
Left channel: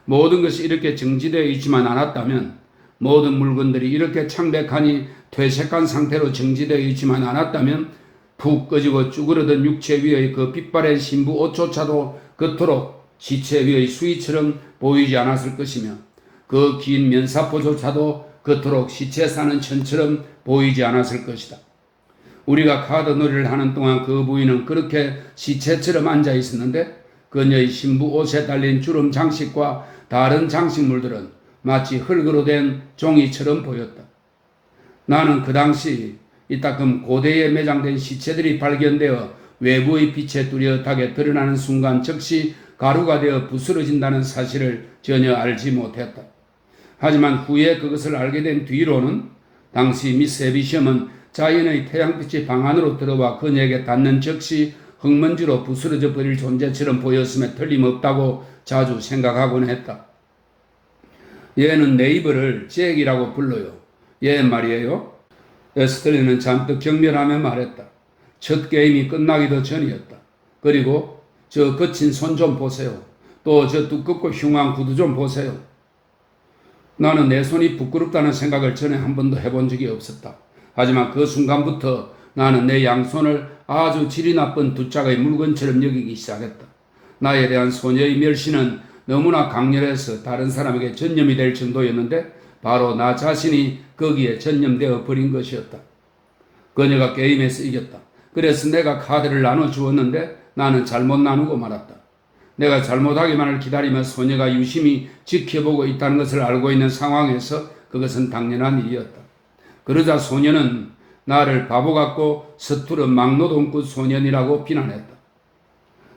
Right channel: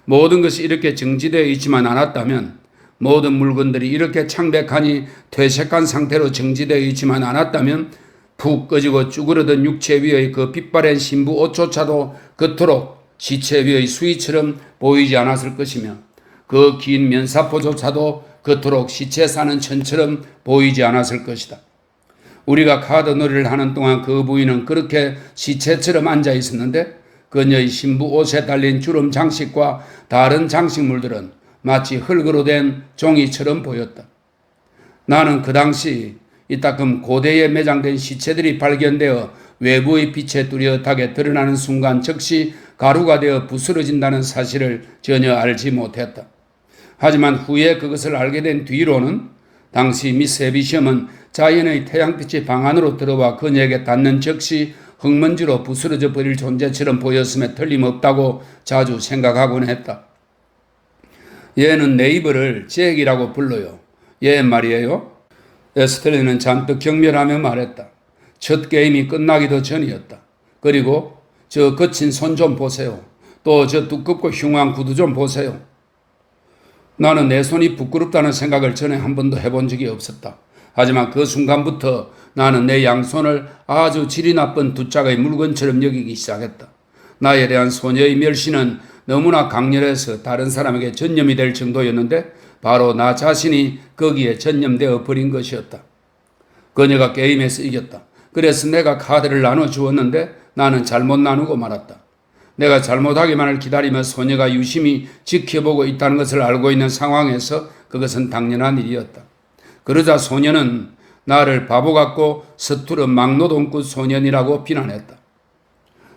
모든 것이 이렇게 정지되어 있지만 않았다면, 모든 물건들이 이렇게 창백하니 퇴색한 상태로 정지되어 있지만 않았다면 푹 꺼지고 쭈그러든 육체 위의 그 빛바랜 신부 옷조차도 그토록 시체 위의 수위처럼 보이지 않았을 것이며 그 긴 면사포조차도 그토록 시체 싸는 천처럼 보이지 않았을 것이다. 우리가 카드 놀이를 하는 동안 그 부인은 그렇게 시체처럼 앉아 있었는데 그녀의 신부 옷에 달린 주름 장식과 다른 장식물들은 마치 흙으로 된 종이처럼 보였다. 나는 그 당시 이따금 고대에 매장된 시체들이 발견되어 외부의 빛에 뚜렷하게 드러나는 순간 즉시 가루가 되어 부스러진다는 사실을 전혀 알지 못했다. 하지만 후에 그것을 알게 된 뒤로는 당시 미스 해비시엄은 자연의 태양빛이 방 안으로 들어와 그녀에게 닿는 즉시 흙먼지로 부스러져 버릴 존재처럼 보였음에 틀림없다고 자주 생각하곤 했다. 얘는 네이버를 잭이라고 불러요. 얘 말이에요. 에스텔레는 잔뜩 경멸하며 말했다. 첫 게임이 끝나기도 전이었다. 그리고 저 거친 손 좀 보세요. 또 저 두껍고 흉한 구두 좀 보세요. 나는 내 손이 부끄럽다는 생각을 전에 한 번도 해본 적이 없었다. 하지만 그 순간부터 나는 내 양손을 아주 질이 나쁜 두 짝의 물건처럼 여기기 시작했다. 나에 대한 소녀의 멸시는 너무나 강렬해서 다른 사람에게 전념이 될 정도였는데 바로 나 자신이 거기에 전념되어 버린 것이었다. 그녀가 게임에서 이겼다. 그래서 내가 카드를 나눠주었는데 나는 잘못 나누고 말았다. 내가 잘못하기만을 기다리며 소녀가 유심히 지켜보고 있다는 것을 알고 있는 상황에서 그것은 당연한 일이었다. 그러자 소녀는 나를 바보 같고 서투른 막노동꾼 소년이라고 비난했다.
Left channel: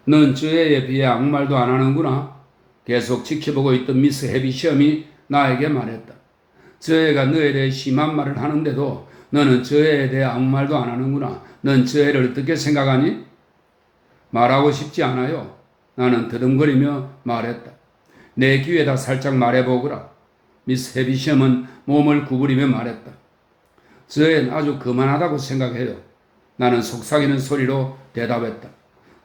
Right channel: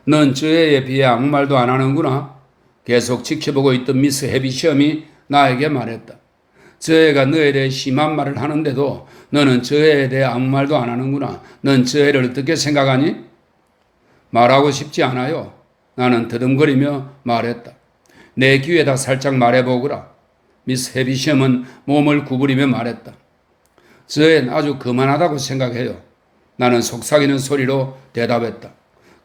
넌 저 애에 비해 아무 말도 안 하는구나. 계속 지켜보고 있던 미스 해비시엄이 나에게 말했다. 저 애가 너에 대해 심한 말을 하는데도 너는 저 애에 대해 아무 말도 안 하는구나. 넌 저 애를 어떻게 생각하니? 말하고 싶지 않아요. 나는 더듬거리며 말했다. 내 귀에다 살짝 말해보거라. 미스 해비시엄은 몸을 구부리며 말했다. 저 애는 아주 거만하다고 생각해요. 나는 속삭이는 소리로 대답했다.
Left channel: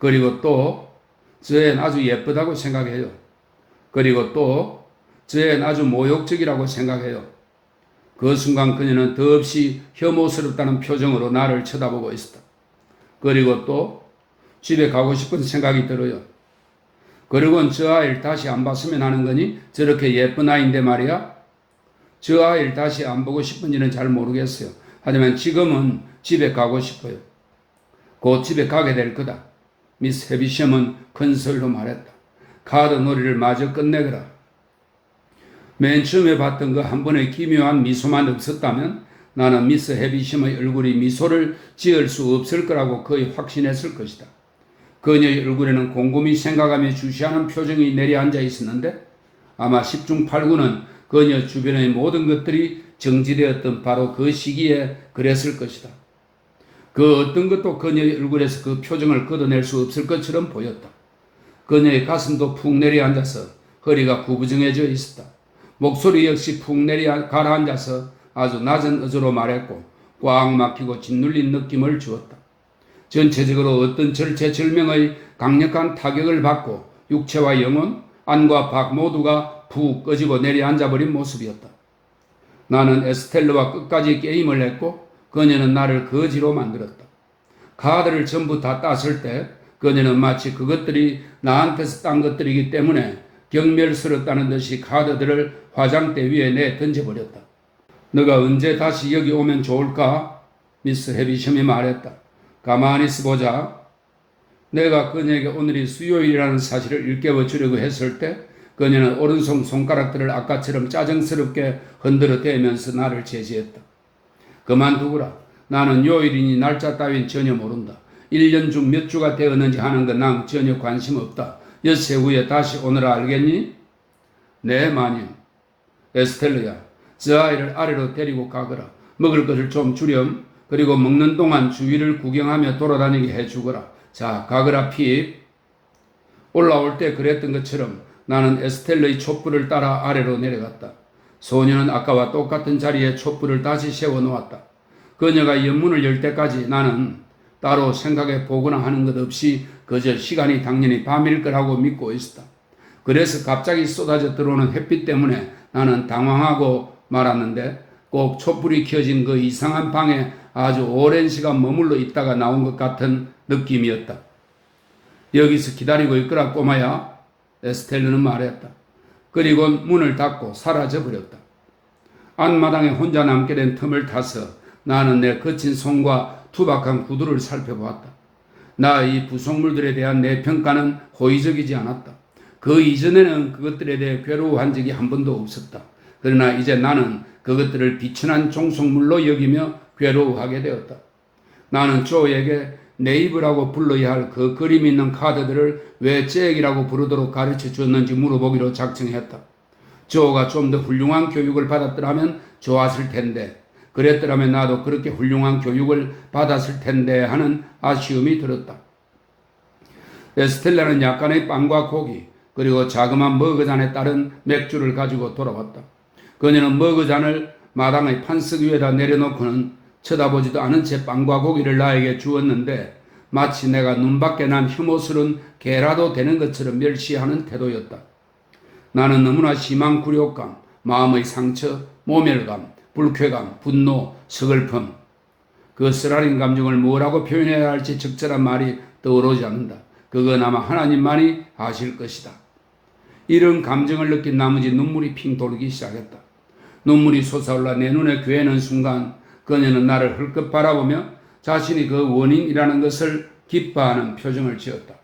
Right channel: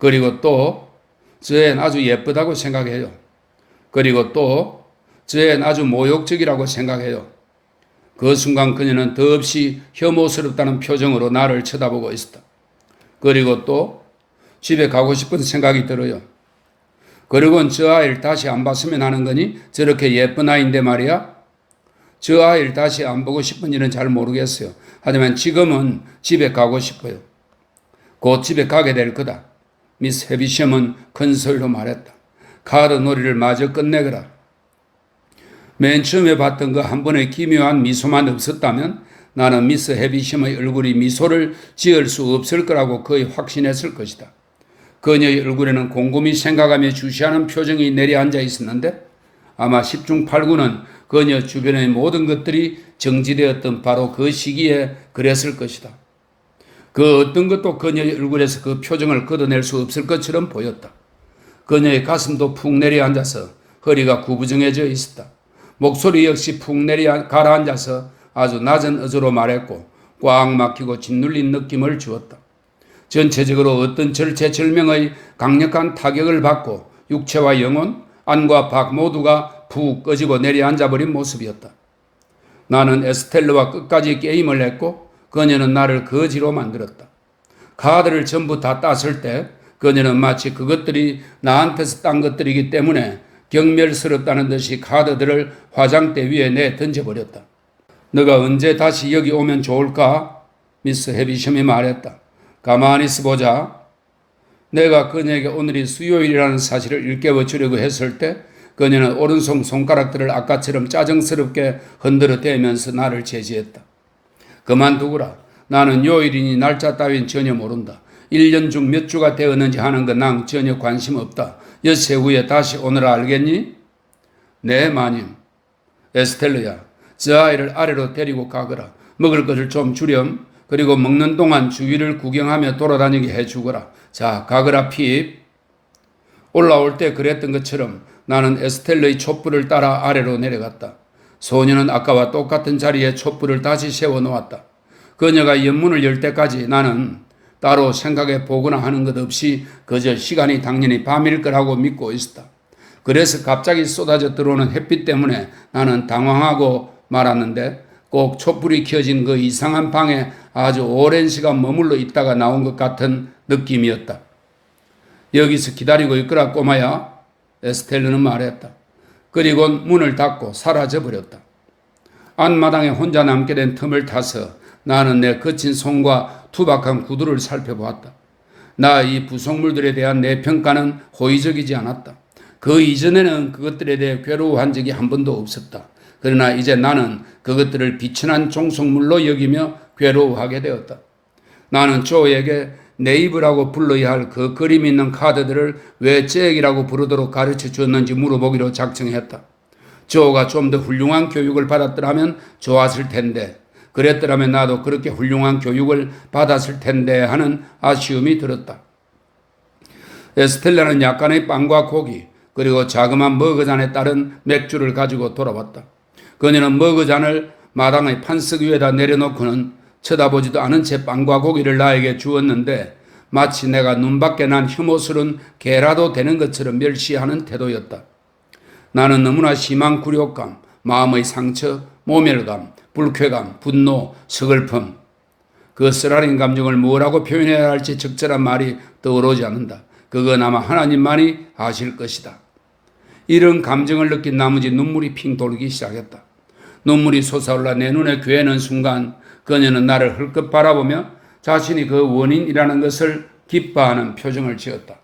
그리고 또 저애는 아주 예쁘다고 생각해요. 그리고 또 저애는 아주 모욕적이라고 생각해요. 그 순간 그녀는 더없이 혐오스럽다는 표정으로 나를 쳐다보고 있었다. 그리고 또 집에 가고 싶은 생각이 들어요. 그리고는 저 아이를 다시 안 봤으면 하는 거니? 저렇게 예쁜 아이인데 말이야? 저 아이를 다시 안 보고 싶은지는 잘 모르겠어요. 하지만 지금은 집에 가고 싶어요. 곧 집에 가게 될 거다. 미스 헤비셴은 큰 소리로 말했다. 카드 놀이를 마저 끝내거라. 맨 처음에 봤던 그 한 번의 기묘한 미소만 없었다면 나는 미스 헤비셴의 얼굴이 미소를 지을 수 없을 거라고 거의 확신했을 것이다. 그녀의 얼굴에는 곰곰이 생각하며 주시하는 표정이 내려앉아 있었는데 아마 10중 8구는 그녀 주변의 모든 것들이 정지되었던 바로 그 시기에 그랬을 것이다. 그 어떤 것도 그녀의 얼굴에서 그 표정을 걷어낼 수 없을 것처럼 보였다. 그녀의 가슴도 푹 내려앉아서 허리가 구부정해져 있었다. 목소리 역시 푹 내려 가라앉아서 아주 낮은 어조로 말했고 꽉 막히고 짓눌린 느낌을 주었다. 전체적으로 어떤 절체절명의 강력한 타격을 받고 육체와 영혼, 안과 밖 모두가 푹 꺼지고 내려앉아버린 모습이었다. 나는 에스텔르와 끝까지 게임을 했고 그녀는 나를 거지로 만들었다. 카드를 전부 다 땄을 때 그녀는 마치 그것들이 나한테서 딴 것들이기 때문에 경멸스럽다는 듯이 카드들을 화장대 위에 내 던져버렸다. 너가 언제 다시 여기 오면 좋을까? 미스 헤비셴이 말했다. 가만히 있어보자. 내가 그녀에게 오늘이 수요일이라는 사실을 일깨워 주려고 했을 때 그녀는 오른손 손가락들을 아까처럼 짜증스럽게 흔들어 대면서 나를 제지했다. 그만두거라. 나는 요일이니 날짜 따윈 전혀 모른다. 1년 중 몇 주가 되었는지 하는 건 난 전혀 관심 없다. 엿새 후에 다시 오너라 알겠니? 네 마님. 에스텔르야, 저 아이를 아래로 데리고 가거라. 먹을 것을 좀 주렴. 그리고 먹는 동안 주위를 구경하며 돌아다니게 해주거라. 자, 가거라 핍. 올라올 때 그랬던 것처럼 나는 에스텔르의 촛불을 따라 아래로 내려갔다. 소녀는 아까와 똑같은 자리에 촛불을 다시 세워놓았다. 그녀가 연문을 열 때까지 나는 따로 생각해 보거나 하는 것 없이 그저 시간이 당연히 밤일 거라고 믿고 있었다. 그래서 갑자기 쏟아져 들어오는 햇빛 때문에 나는 당황하고 말았는데 꼭 촛불이 켜진 그 이상한 방에 아주 오랜 시간 머물러 있다가 나온 것 같은 느낌이었다. 여기서 기다리고 있거라 꼬마야. 에스텔르는 말했다. 그리고 문을 닫고 사라져버렸다. 안마당에 혼자 남게 된 틈을 타서 나는 내 거친 손과 투박한 구두를 살펴보았다. 나 이 부속물들에 대한 내 평가는 호의적이지 않았다. 그 이전에는 그것들에 대해 괴로워한 적이 한 번도 없었다. 그러나 이제 나는 그것들을 비천한 종속물로 여기며 괴로워하게 되었다. 나는 조에게 네이브라고 불러야 할 그 그림 있는 카드들을 왜 잭이라고 부르도록 가르쳐 주었는지 물어보기로 작정했다. 조가 좀 더 훌륭한 교육을 받았더라면 좋았을 텐데 그랬더라면 나도 그렇게 훌륭한 교육을 받았을 텐데 하는 아쉬움이 들었다. 에스텔라는 약간의 빵과 고기 그리고 자그마한 머그잔에 따른 맥주를 가지고 돌아왔다. 그녀는 머그잔을 마당의 판석 위에다 내려놓고는 쳐다보지도 않은 채 빵과 고기를 나에게 주었는데 마치 내가 눈밖에 난 혐오스러운 개라도 되는 것처럼 멸시하는 태도였다. 나는 너무나 심한 굴욕감, 마음의 상처, 모멸감, 불쾌감, 분노, 서글픔 그 쓰라린 감정을 뭐라고 표현해야 할지 적절한 말이 떠오르지 않는다. 그건 아마 하나님만이 아실 것이다. 이런 감정을 느낀 나머지 눈물이 핑 돌기 시작했다. 눈물이 솟아올라 내 눈에 괴는 순간 그녀는 나를 헐끗 바라보며 자신이 그 원인이라는 것을 기뻐하는 표정을 지었다.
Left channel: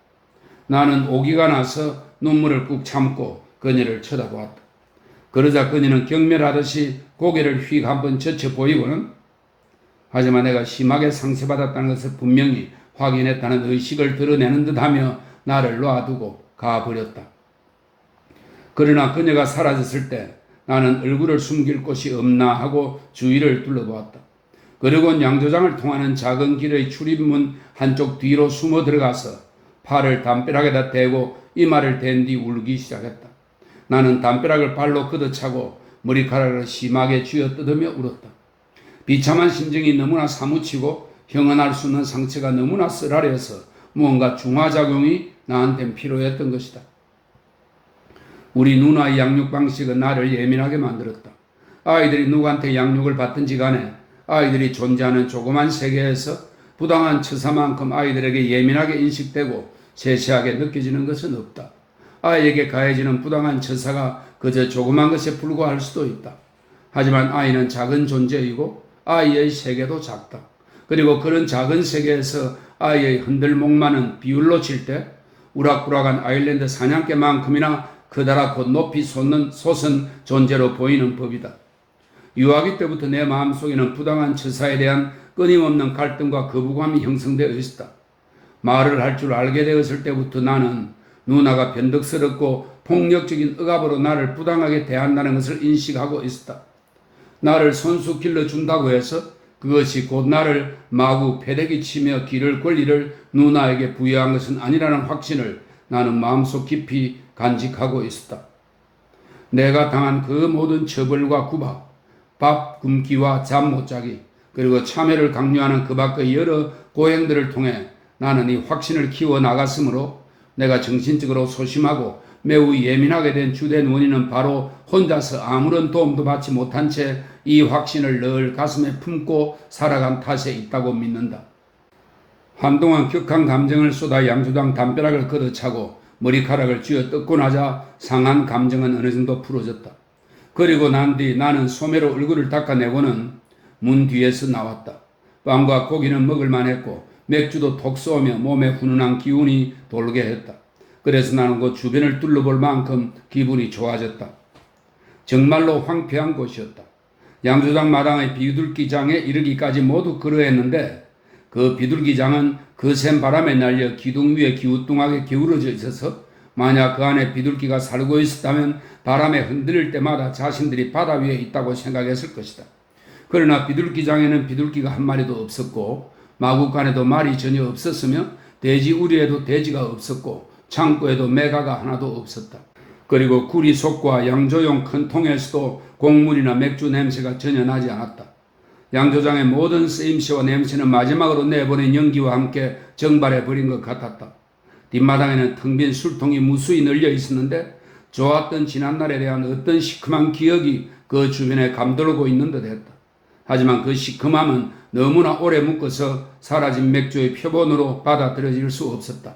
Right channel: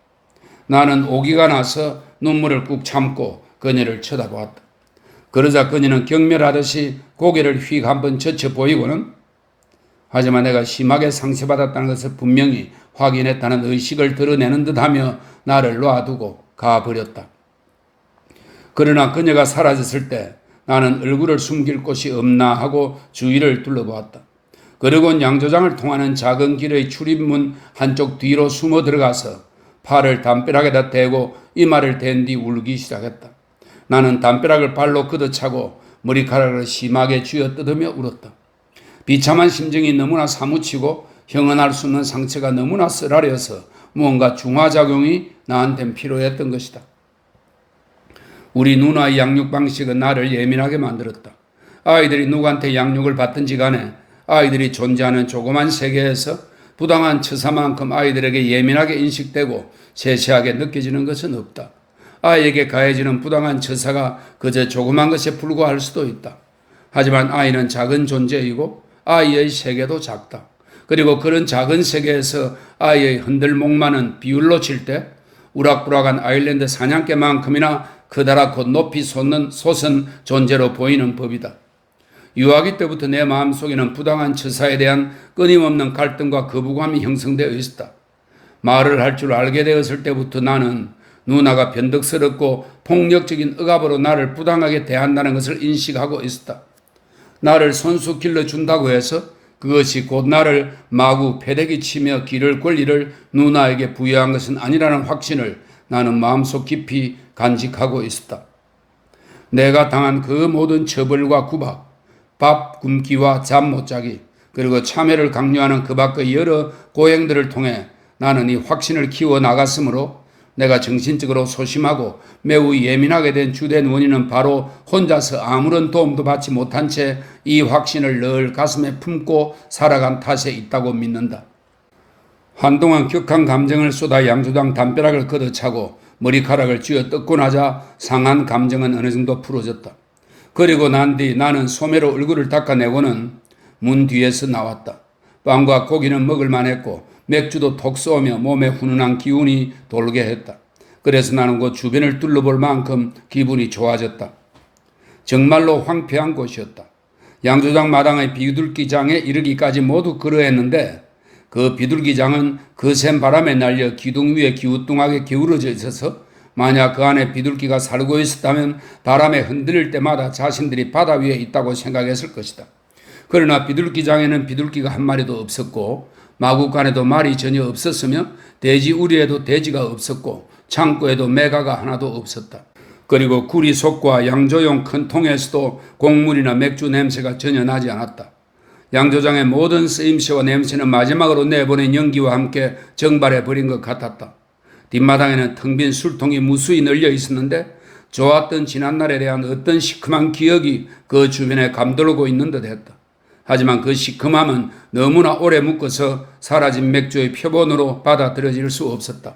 나는 오기가 나서 눈물을 꾹 참고 그녀를 쳐다보았다. 그러자 그녀는 경멸하듯이 고개를 휙 한번 젖혀 보이고는 하지만 내가 심하게 상처받았다는 것을 분명히 확인했다는 의식을 드러내는 듯하며 나를 놔두고 가버렸다. 그러나 그녀가 사라졌을 때 나는 얼굴을 숨길 곳이 없나 하고 주위를 둘러보았다. 그리고 양조장을 통하는 작은 길의 출입문 한쪽 뒤로 숨어 들어가서 팔을 담벼락에다 대고 이마를 댄 뒤 울기 시작했다. 나는 담벼락을 발로 걷어차고 머리카락을 심하게 쥐어뜯으며 울었다. 비참한 심정이 너무나 사무치고 형언할 수 없는 상처가 너무나 쓰라려서 무언가 중화작용이 나한텐 필요했던 것이다. 우리 누나의 양육 방식은 나를 예민하게 만들었다. 아이들이 누구한테 양육을 받든지 간에 아이들이 존재하는 조그만 세계에서 부당한 처사만큼 아이들에게 예민하게 인식되고 세세하게 느껴지는 것은 없다. 아이에게 가해지는 부당한 처사가 그저 조그만 것에 불과할 수도 있다. 하지만 아이는 작은 존재이고 아이의 세계도 작다. 그리고 그런 작은 세계에서 아이의 흔들목마는 비율로 칠 때 우락부락한 아일랜드 사냥개만큼이나 크다랗고 높이 솟는 존재로 보이는 법이다. 유아기 때부터 내 마음속에는 부당한 처사에 대한 끊임없는 갈등과 거부감이 형성되어 있었다. 말을 할 줄 알게 되었을 때부터 나는 누나가 변덕스럽고 폭력적인 억압으로 나를 부당하게 대한다는 것을 인식하고 있었다. 나를 손수 길러준다고 해서 그것이 곧 나를 마구 패대기 치며 기를 권리를 누나에게 부여한 것은 아니라는 확신을 나는 마음속 깊이 간직하고 있었다. 내가 당한 그 모든 처벌과 구박, 밥 굶기와 잠 못 자기, 그리고 참회를 강요하는 그 밖의 여러 고행들을 통해 나는 이 확신을 키워나갔으므로 내가 정신적으로 소심하고 매우 예민하게 된 주된 원인은 바로 혼자서 아무런 도움도 받지 못한 채 이 확신을 늘 가슴에 품고 살아간 탓에 있다고 믿는다. 한동안 격한 감정을 쏟아 양조장 담벼락을 걷어차고 머리카락을 쥐어 뜯고 나자 상한 감정은 어느 정도 풀어졌다. 그리고 난 뒤 나는 소매로 얼굴을 닦아내고는 문 뒤에서 나왔다. 빵과 고기는 먹을 만했고 맥주도 톡 쏘며 몸에 훈훈한 기운이 돌게 했다. 그래서 나는 그 주변을 둘러볼 만큼 기분이 좋아졌다. 정말로 황폐한 곳이었다. 양조장 마당의 비둘기장에 이르기까지 모두 그러했는데 그 비둘기장은 거센 바람에 날려 기둥 위에 기우뚱하게 기울어져 있어서 만약 그 안에 비둘기가 살고 있었다면 바람에 흔들릴 때마다 자신들이 바다 위에 있다고 생각했을 것이다. 그러나 비둘기장에는 비둘기가 한 마리도 없었고 마구간에도 말이 전혀 없었으며 돼지 우리에도 돼지가 없었고 창고에도 메가가 하나도 없었다. 그리고 구리 속과 양조용 큰 통에서도 곡물이나 맥주 냄새가 전혀 나지 않았다. 양조장의 모든 쓰임새와 냄새는 마지막으로 내보낸 연기와 함께 정발해버린 것 같았다. 뒷마당에는 텅 빈 술통이 무수히 널려 있었는데 좋았던 지난날에 대한 어떤 시큼한 기억이 그 주변에 감돌고 있는 듯 했다. 하지만 그 시큼함은 너무나 오래 묶어서 사라진 맥주의 표본으로 받아들여질 수 없었다.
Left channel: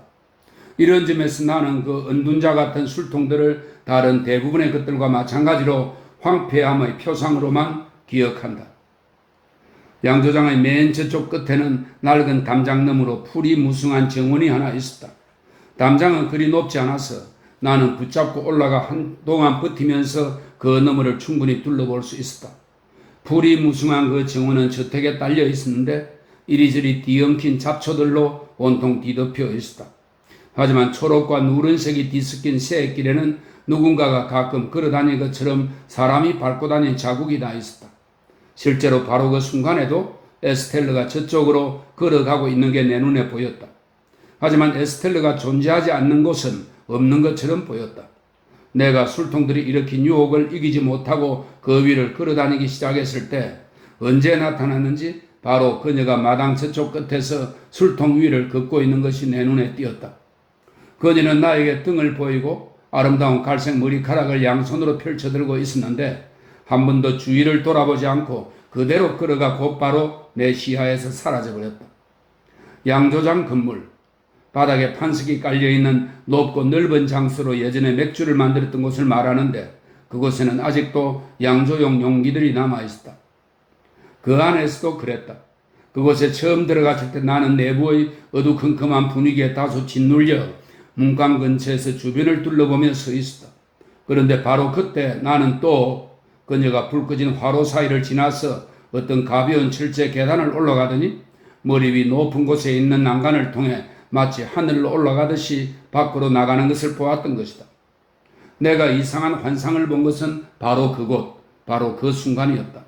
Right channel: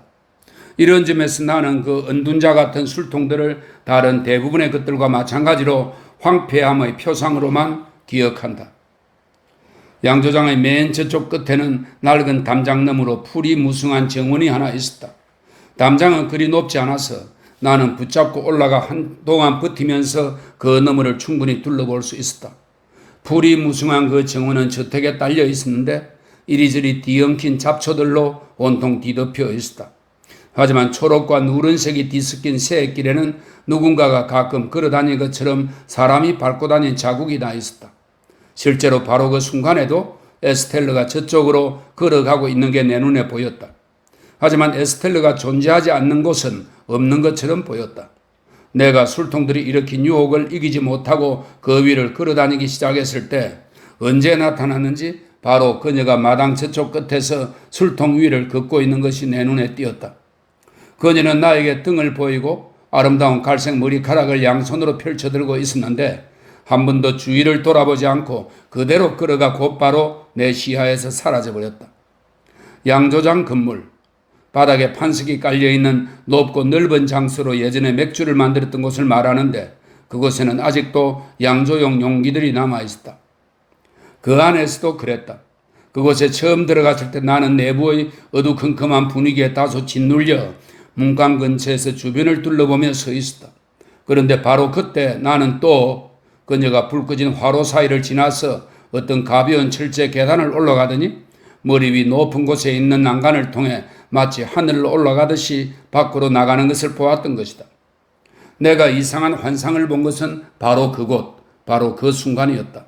이런 점에서 나는 그 은둔자 같은 술통들을 다른 대부분의 것들과 마찬가지로 황폐함의 표상으로만 기억한다. 양조장의 맨 저쪽 끝에는 낡은 담장 너머로 풀이 무성한 정원이 하나 있었다. 담장은 그리 높지 않아서 나는 붙잡고 올라가 한동안 버티면서 그 너머를 충분히 둘러볼 수 있었다. 풀이 무성한 그 정원은 저택에 딸려 있었는데 이리저리 뒤엉킨 잡초들로 온통 뒤덮여 있었다. 하지만 초록과 누런색이 뒤섞인 새길에는 누군가가 가끔 걸어다닌 것처럼 사람이 밟고 다닌 자국이 나 있었다. 실제로 바로 그 순간에도 에스텔러가 저쪽으로 걸어가고 있는 게 내 눈에 보였다. 하지만 에스텔러가 존재하지 않는 곳은 없는 것처럼 보였다. 내가 술통들이 일으킨 유혹을 이기지 못하고 그 위를 걸어다니기 시작했을 때 언제 나타났는지 바로 그녀가 마당 저쪽 끝에서 술통 위를 걷고 있는 것이 내 눈에 띄었다. 그녀는 나에게 등을 보이고 아름다운 갈색 머리카락을 양손으로 펼쳐들고 있었는데 한 번도 주위를 돌아보지 않고 그대로 걸어가 곧바로 내 시야에서 사라져버렸다. 양조장 건물, 바닥에 판석이 깔려있는 높고 넓은 장소로 예전에 맥주를 만들었던 곳을 말하는데 그곳에는 아직도 양조용 용기들이 남아있었다. 그 안에서도 그랬다. 그곳에 처음 들어갔을 때 나는 내부의 어두컴컴한 분위기에 다소 짓눌려 문간 근처에서 주변을 둘러보며 서 있었다. 그런데 바로 그때 나는 또 그녀가 불 꺼진 화로 사이를 지나서 어떤 가벼운 철제 계단을 올라가더니 머리 위 높은 곳에 있는 난간을 통해 마치 하늘로 올라가듯이 밖으로 나가는 것을 보았던 것이다. 내가 이상한 환상을 본 것은 바로 그곳, 바로 그 순간이었다.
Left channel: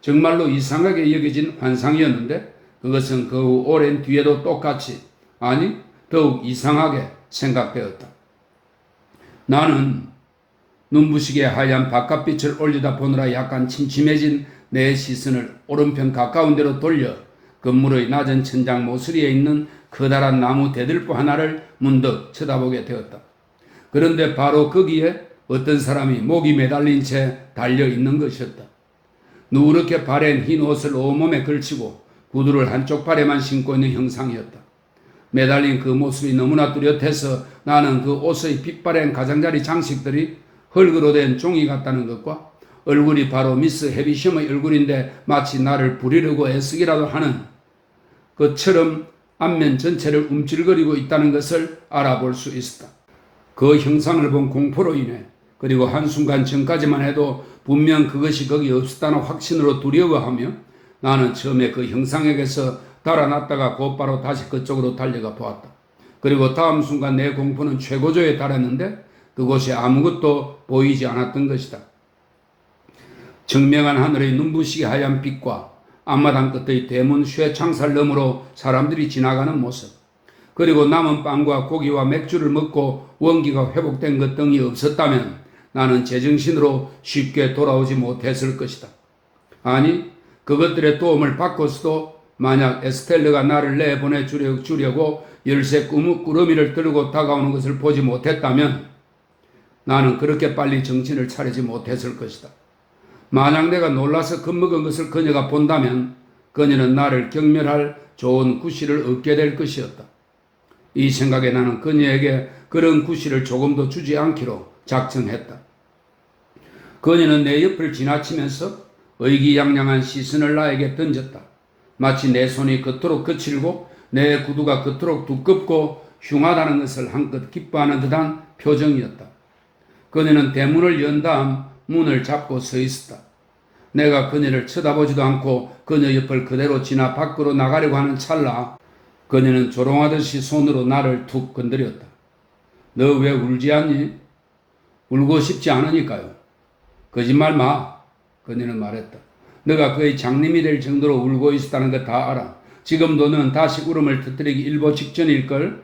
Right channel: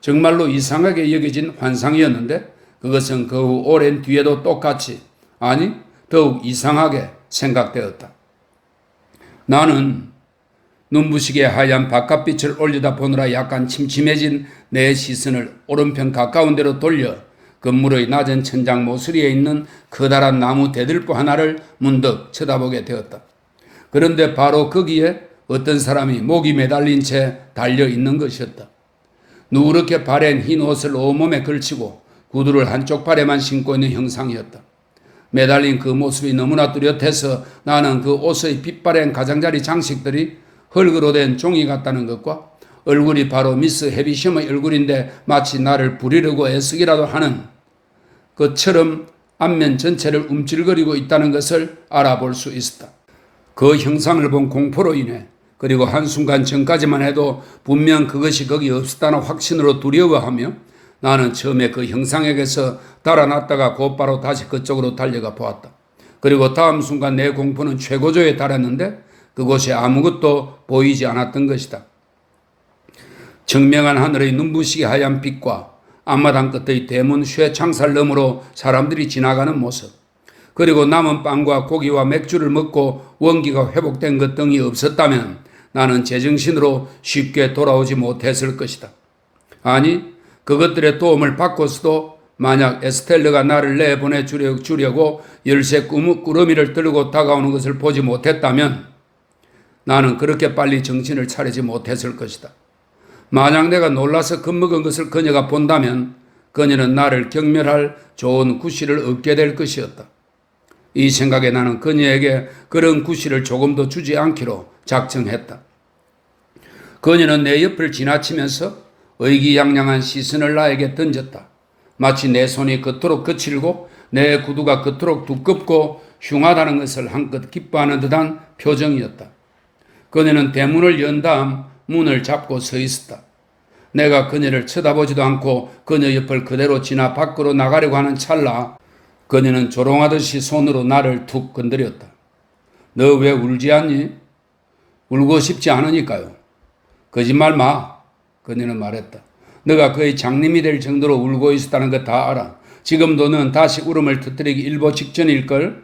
정말로 이상하게 여겨진 환상이었는데 그것은 그 후 오랜 뒤에도 똑같이, 아니 더욱 이상하게 생각되었다. 나는 눈부시게 하얀 바깥빛을 올리다 보느라 약간 침침해진 내 시선을 오른편 가까운 데로 돌려 건물의 낮은 천장 모서리에 있는 커다란 나무 대들보 하나를 문득 쳐다보게 되었다. 그런데 바로 거기에 어떤 사람이 목이 매달린 채 달려 있는 것이었다. 누렇게 바랜 흰 옷을 온몸에 걸치고 구두를 한쪽 발에만 신고 있는 형상이었다. 매달린 그 모습이 너무나 뚜렷해서 나는 그 옷의 빛바랜 가장자리 장식들이 흙으로 된 종이 같다는 것과 얼굴이 바로 미스 해비셴의 얼굴인데 마치 나를 부리려고 애쓰기라도 하는 것처럼 앞면 전체를 움찔거리고 있다는 것을 알아볼 수 있었다. 그 형상을 본 공포로 인해 그리고 한순간 전까지만 해도 분명 그것이 거기 없었다는 확신으로 두려워하며 나는 처음에 그 형상에게서 달아났다가 곧바로 다시 그쪽으로 달려가 보았다. 그리고 다음 순간 내 공포는 최고조에 달했는데 그곳에 아무것도 보이지 않았던 것이다. 청명한 하늘의 눈부시게 하얀 빛과 앞마당 끝의 대문 쇠창살 너머로 사람들이 지나가는 모습, 그리고 남은 빵과 고기와 맥주를 먹고 원기가 회복된 것 등이 없었다면 나는 제정신으로 쉽게 돌아오지 못했을 것이다. 아니, 그것들의 도움을 받고서도 만약 에스텔러가 나를 내보내주려고 열쇠 꾸러미를 들고 다가오는 것을 보지 못했다면 나는 그렇게 빨리 정신을 차리지 못했을 것이다. 만약 내가 놀라서 겁먹은 것을 그녀가 본다면 그녀는 나를 경멸할 좋은 구실을 얻게 될 것이었다. 이 생각에 나는 그녀에게 그런 구실을 조금도 주지 않기로 작정했다. 그녀는 내 옆을 지나치면서 의기양양한 시선을 나에게 던졌다. 마치 내 손이 그토록 거칠고 내 구두가 그토록 두껍고 흉하다는 것을 한껏 기뻐하는 듯한 표정이었다. 그녀는 대문을 연 다음 문을 잡고 서 있었다. 내가 그녀를 쳐다보지도 않고 그녀 옆을 그대로 지나 밖으로 나가려고 하는 찰나 그녀는 조롱하듯이 손으로 나를 툭 건드렸다. 너 왜 울지 않니? 울고 싶지 않으니까요. 거짓말 마. 그녀는 말했다. 너가 거의 장님이 될 정도로 울고 있었다는 거 다 알아. 지금도 넌 다시 울음을 터뜨리기 일보 직전일걸?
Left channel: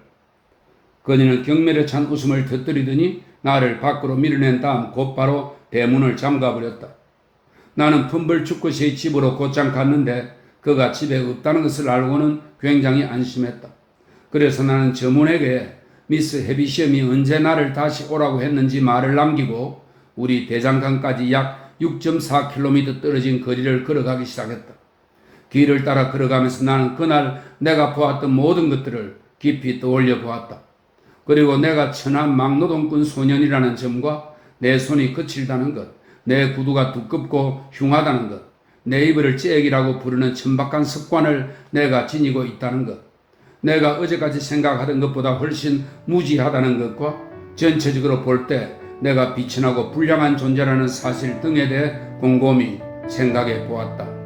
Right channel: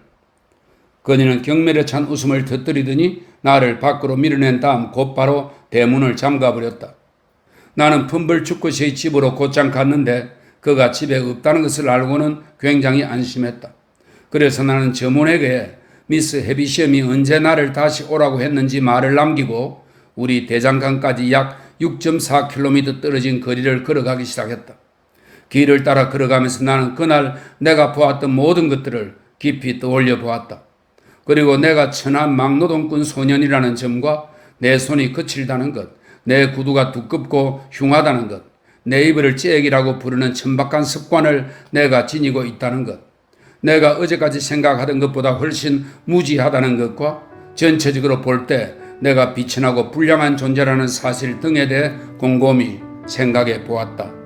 그녀는 경멸에 찬 웃음을 터뜨리더니 나를 밖으로 밀어낸 다음 곧바로 대문을 잠가버렸다. 나는 품벌 죽고서의 집으로 곧장 갔는데 그가 집에 없다는 것을 알고는 굉장히 안심했다. 그래서 나는 점원에게 미스 해비셴이 언제 나를 다시 오라고 했는지 말을 남기고 우리 대장간까지 약 6.4km 떨어진 거리를 걸어가기 시작했다. 길을 따라 걸어가면서 나는 그날 내가 보았던 모든 것들을 깊이 떠올려 보았다. 그리고 내가 천한 막노동꾼 소년이라는 점과 내 손이 거칠다는 것, 내 구두가 두껍고 흉하다는 것, 내 이불을 째기라고 부르는 천박한 습관을 내가 지니고 있다는 것, 내가 어제까지 생각하던 것보다 훨씬 무지하다는 것과 전체적으로 볼 때 내가 비천하고 불량한 존재라는 사실 등에 대해 곰곰이 생각해 보았다.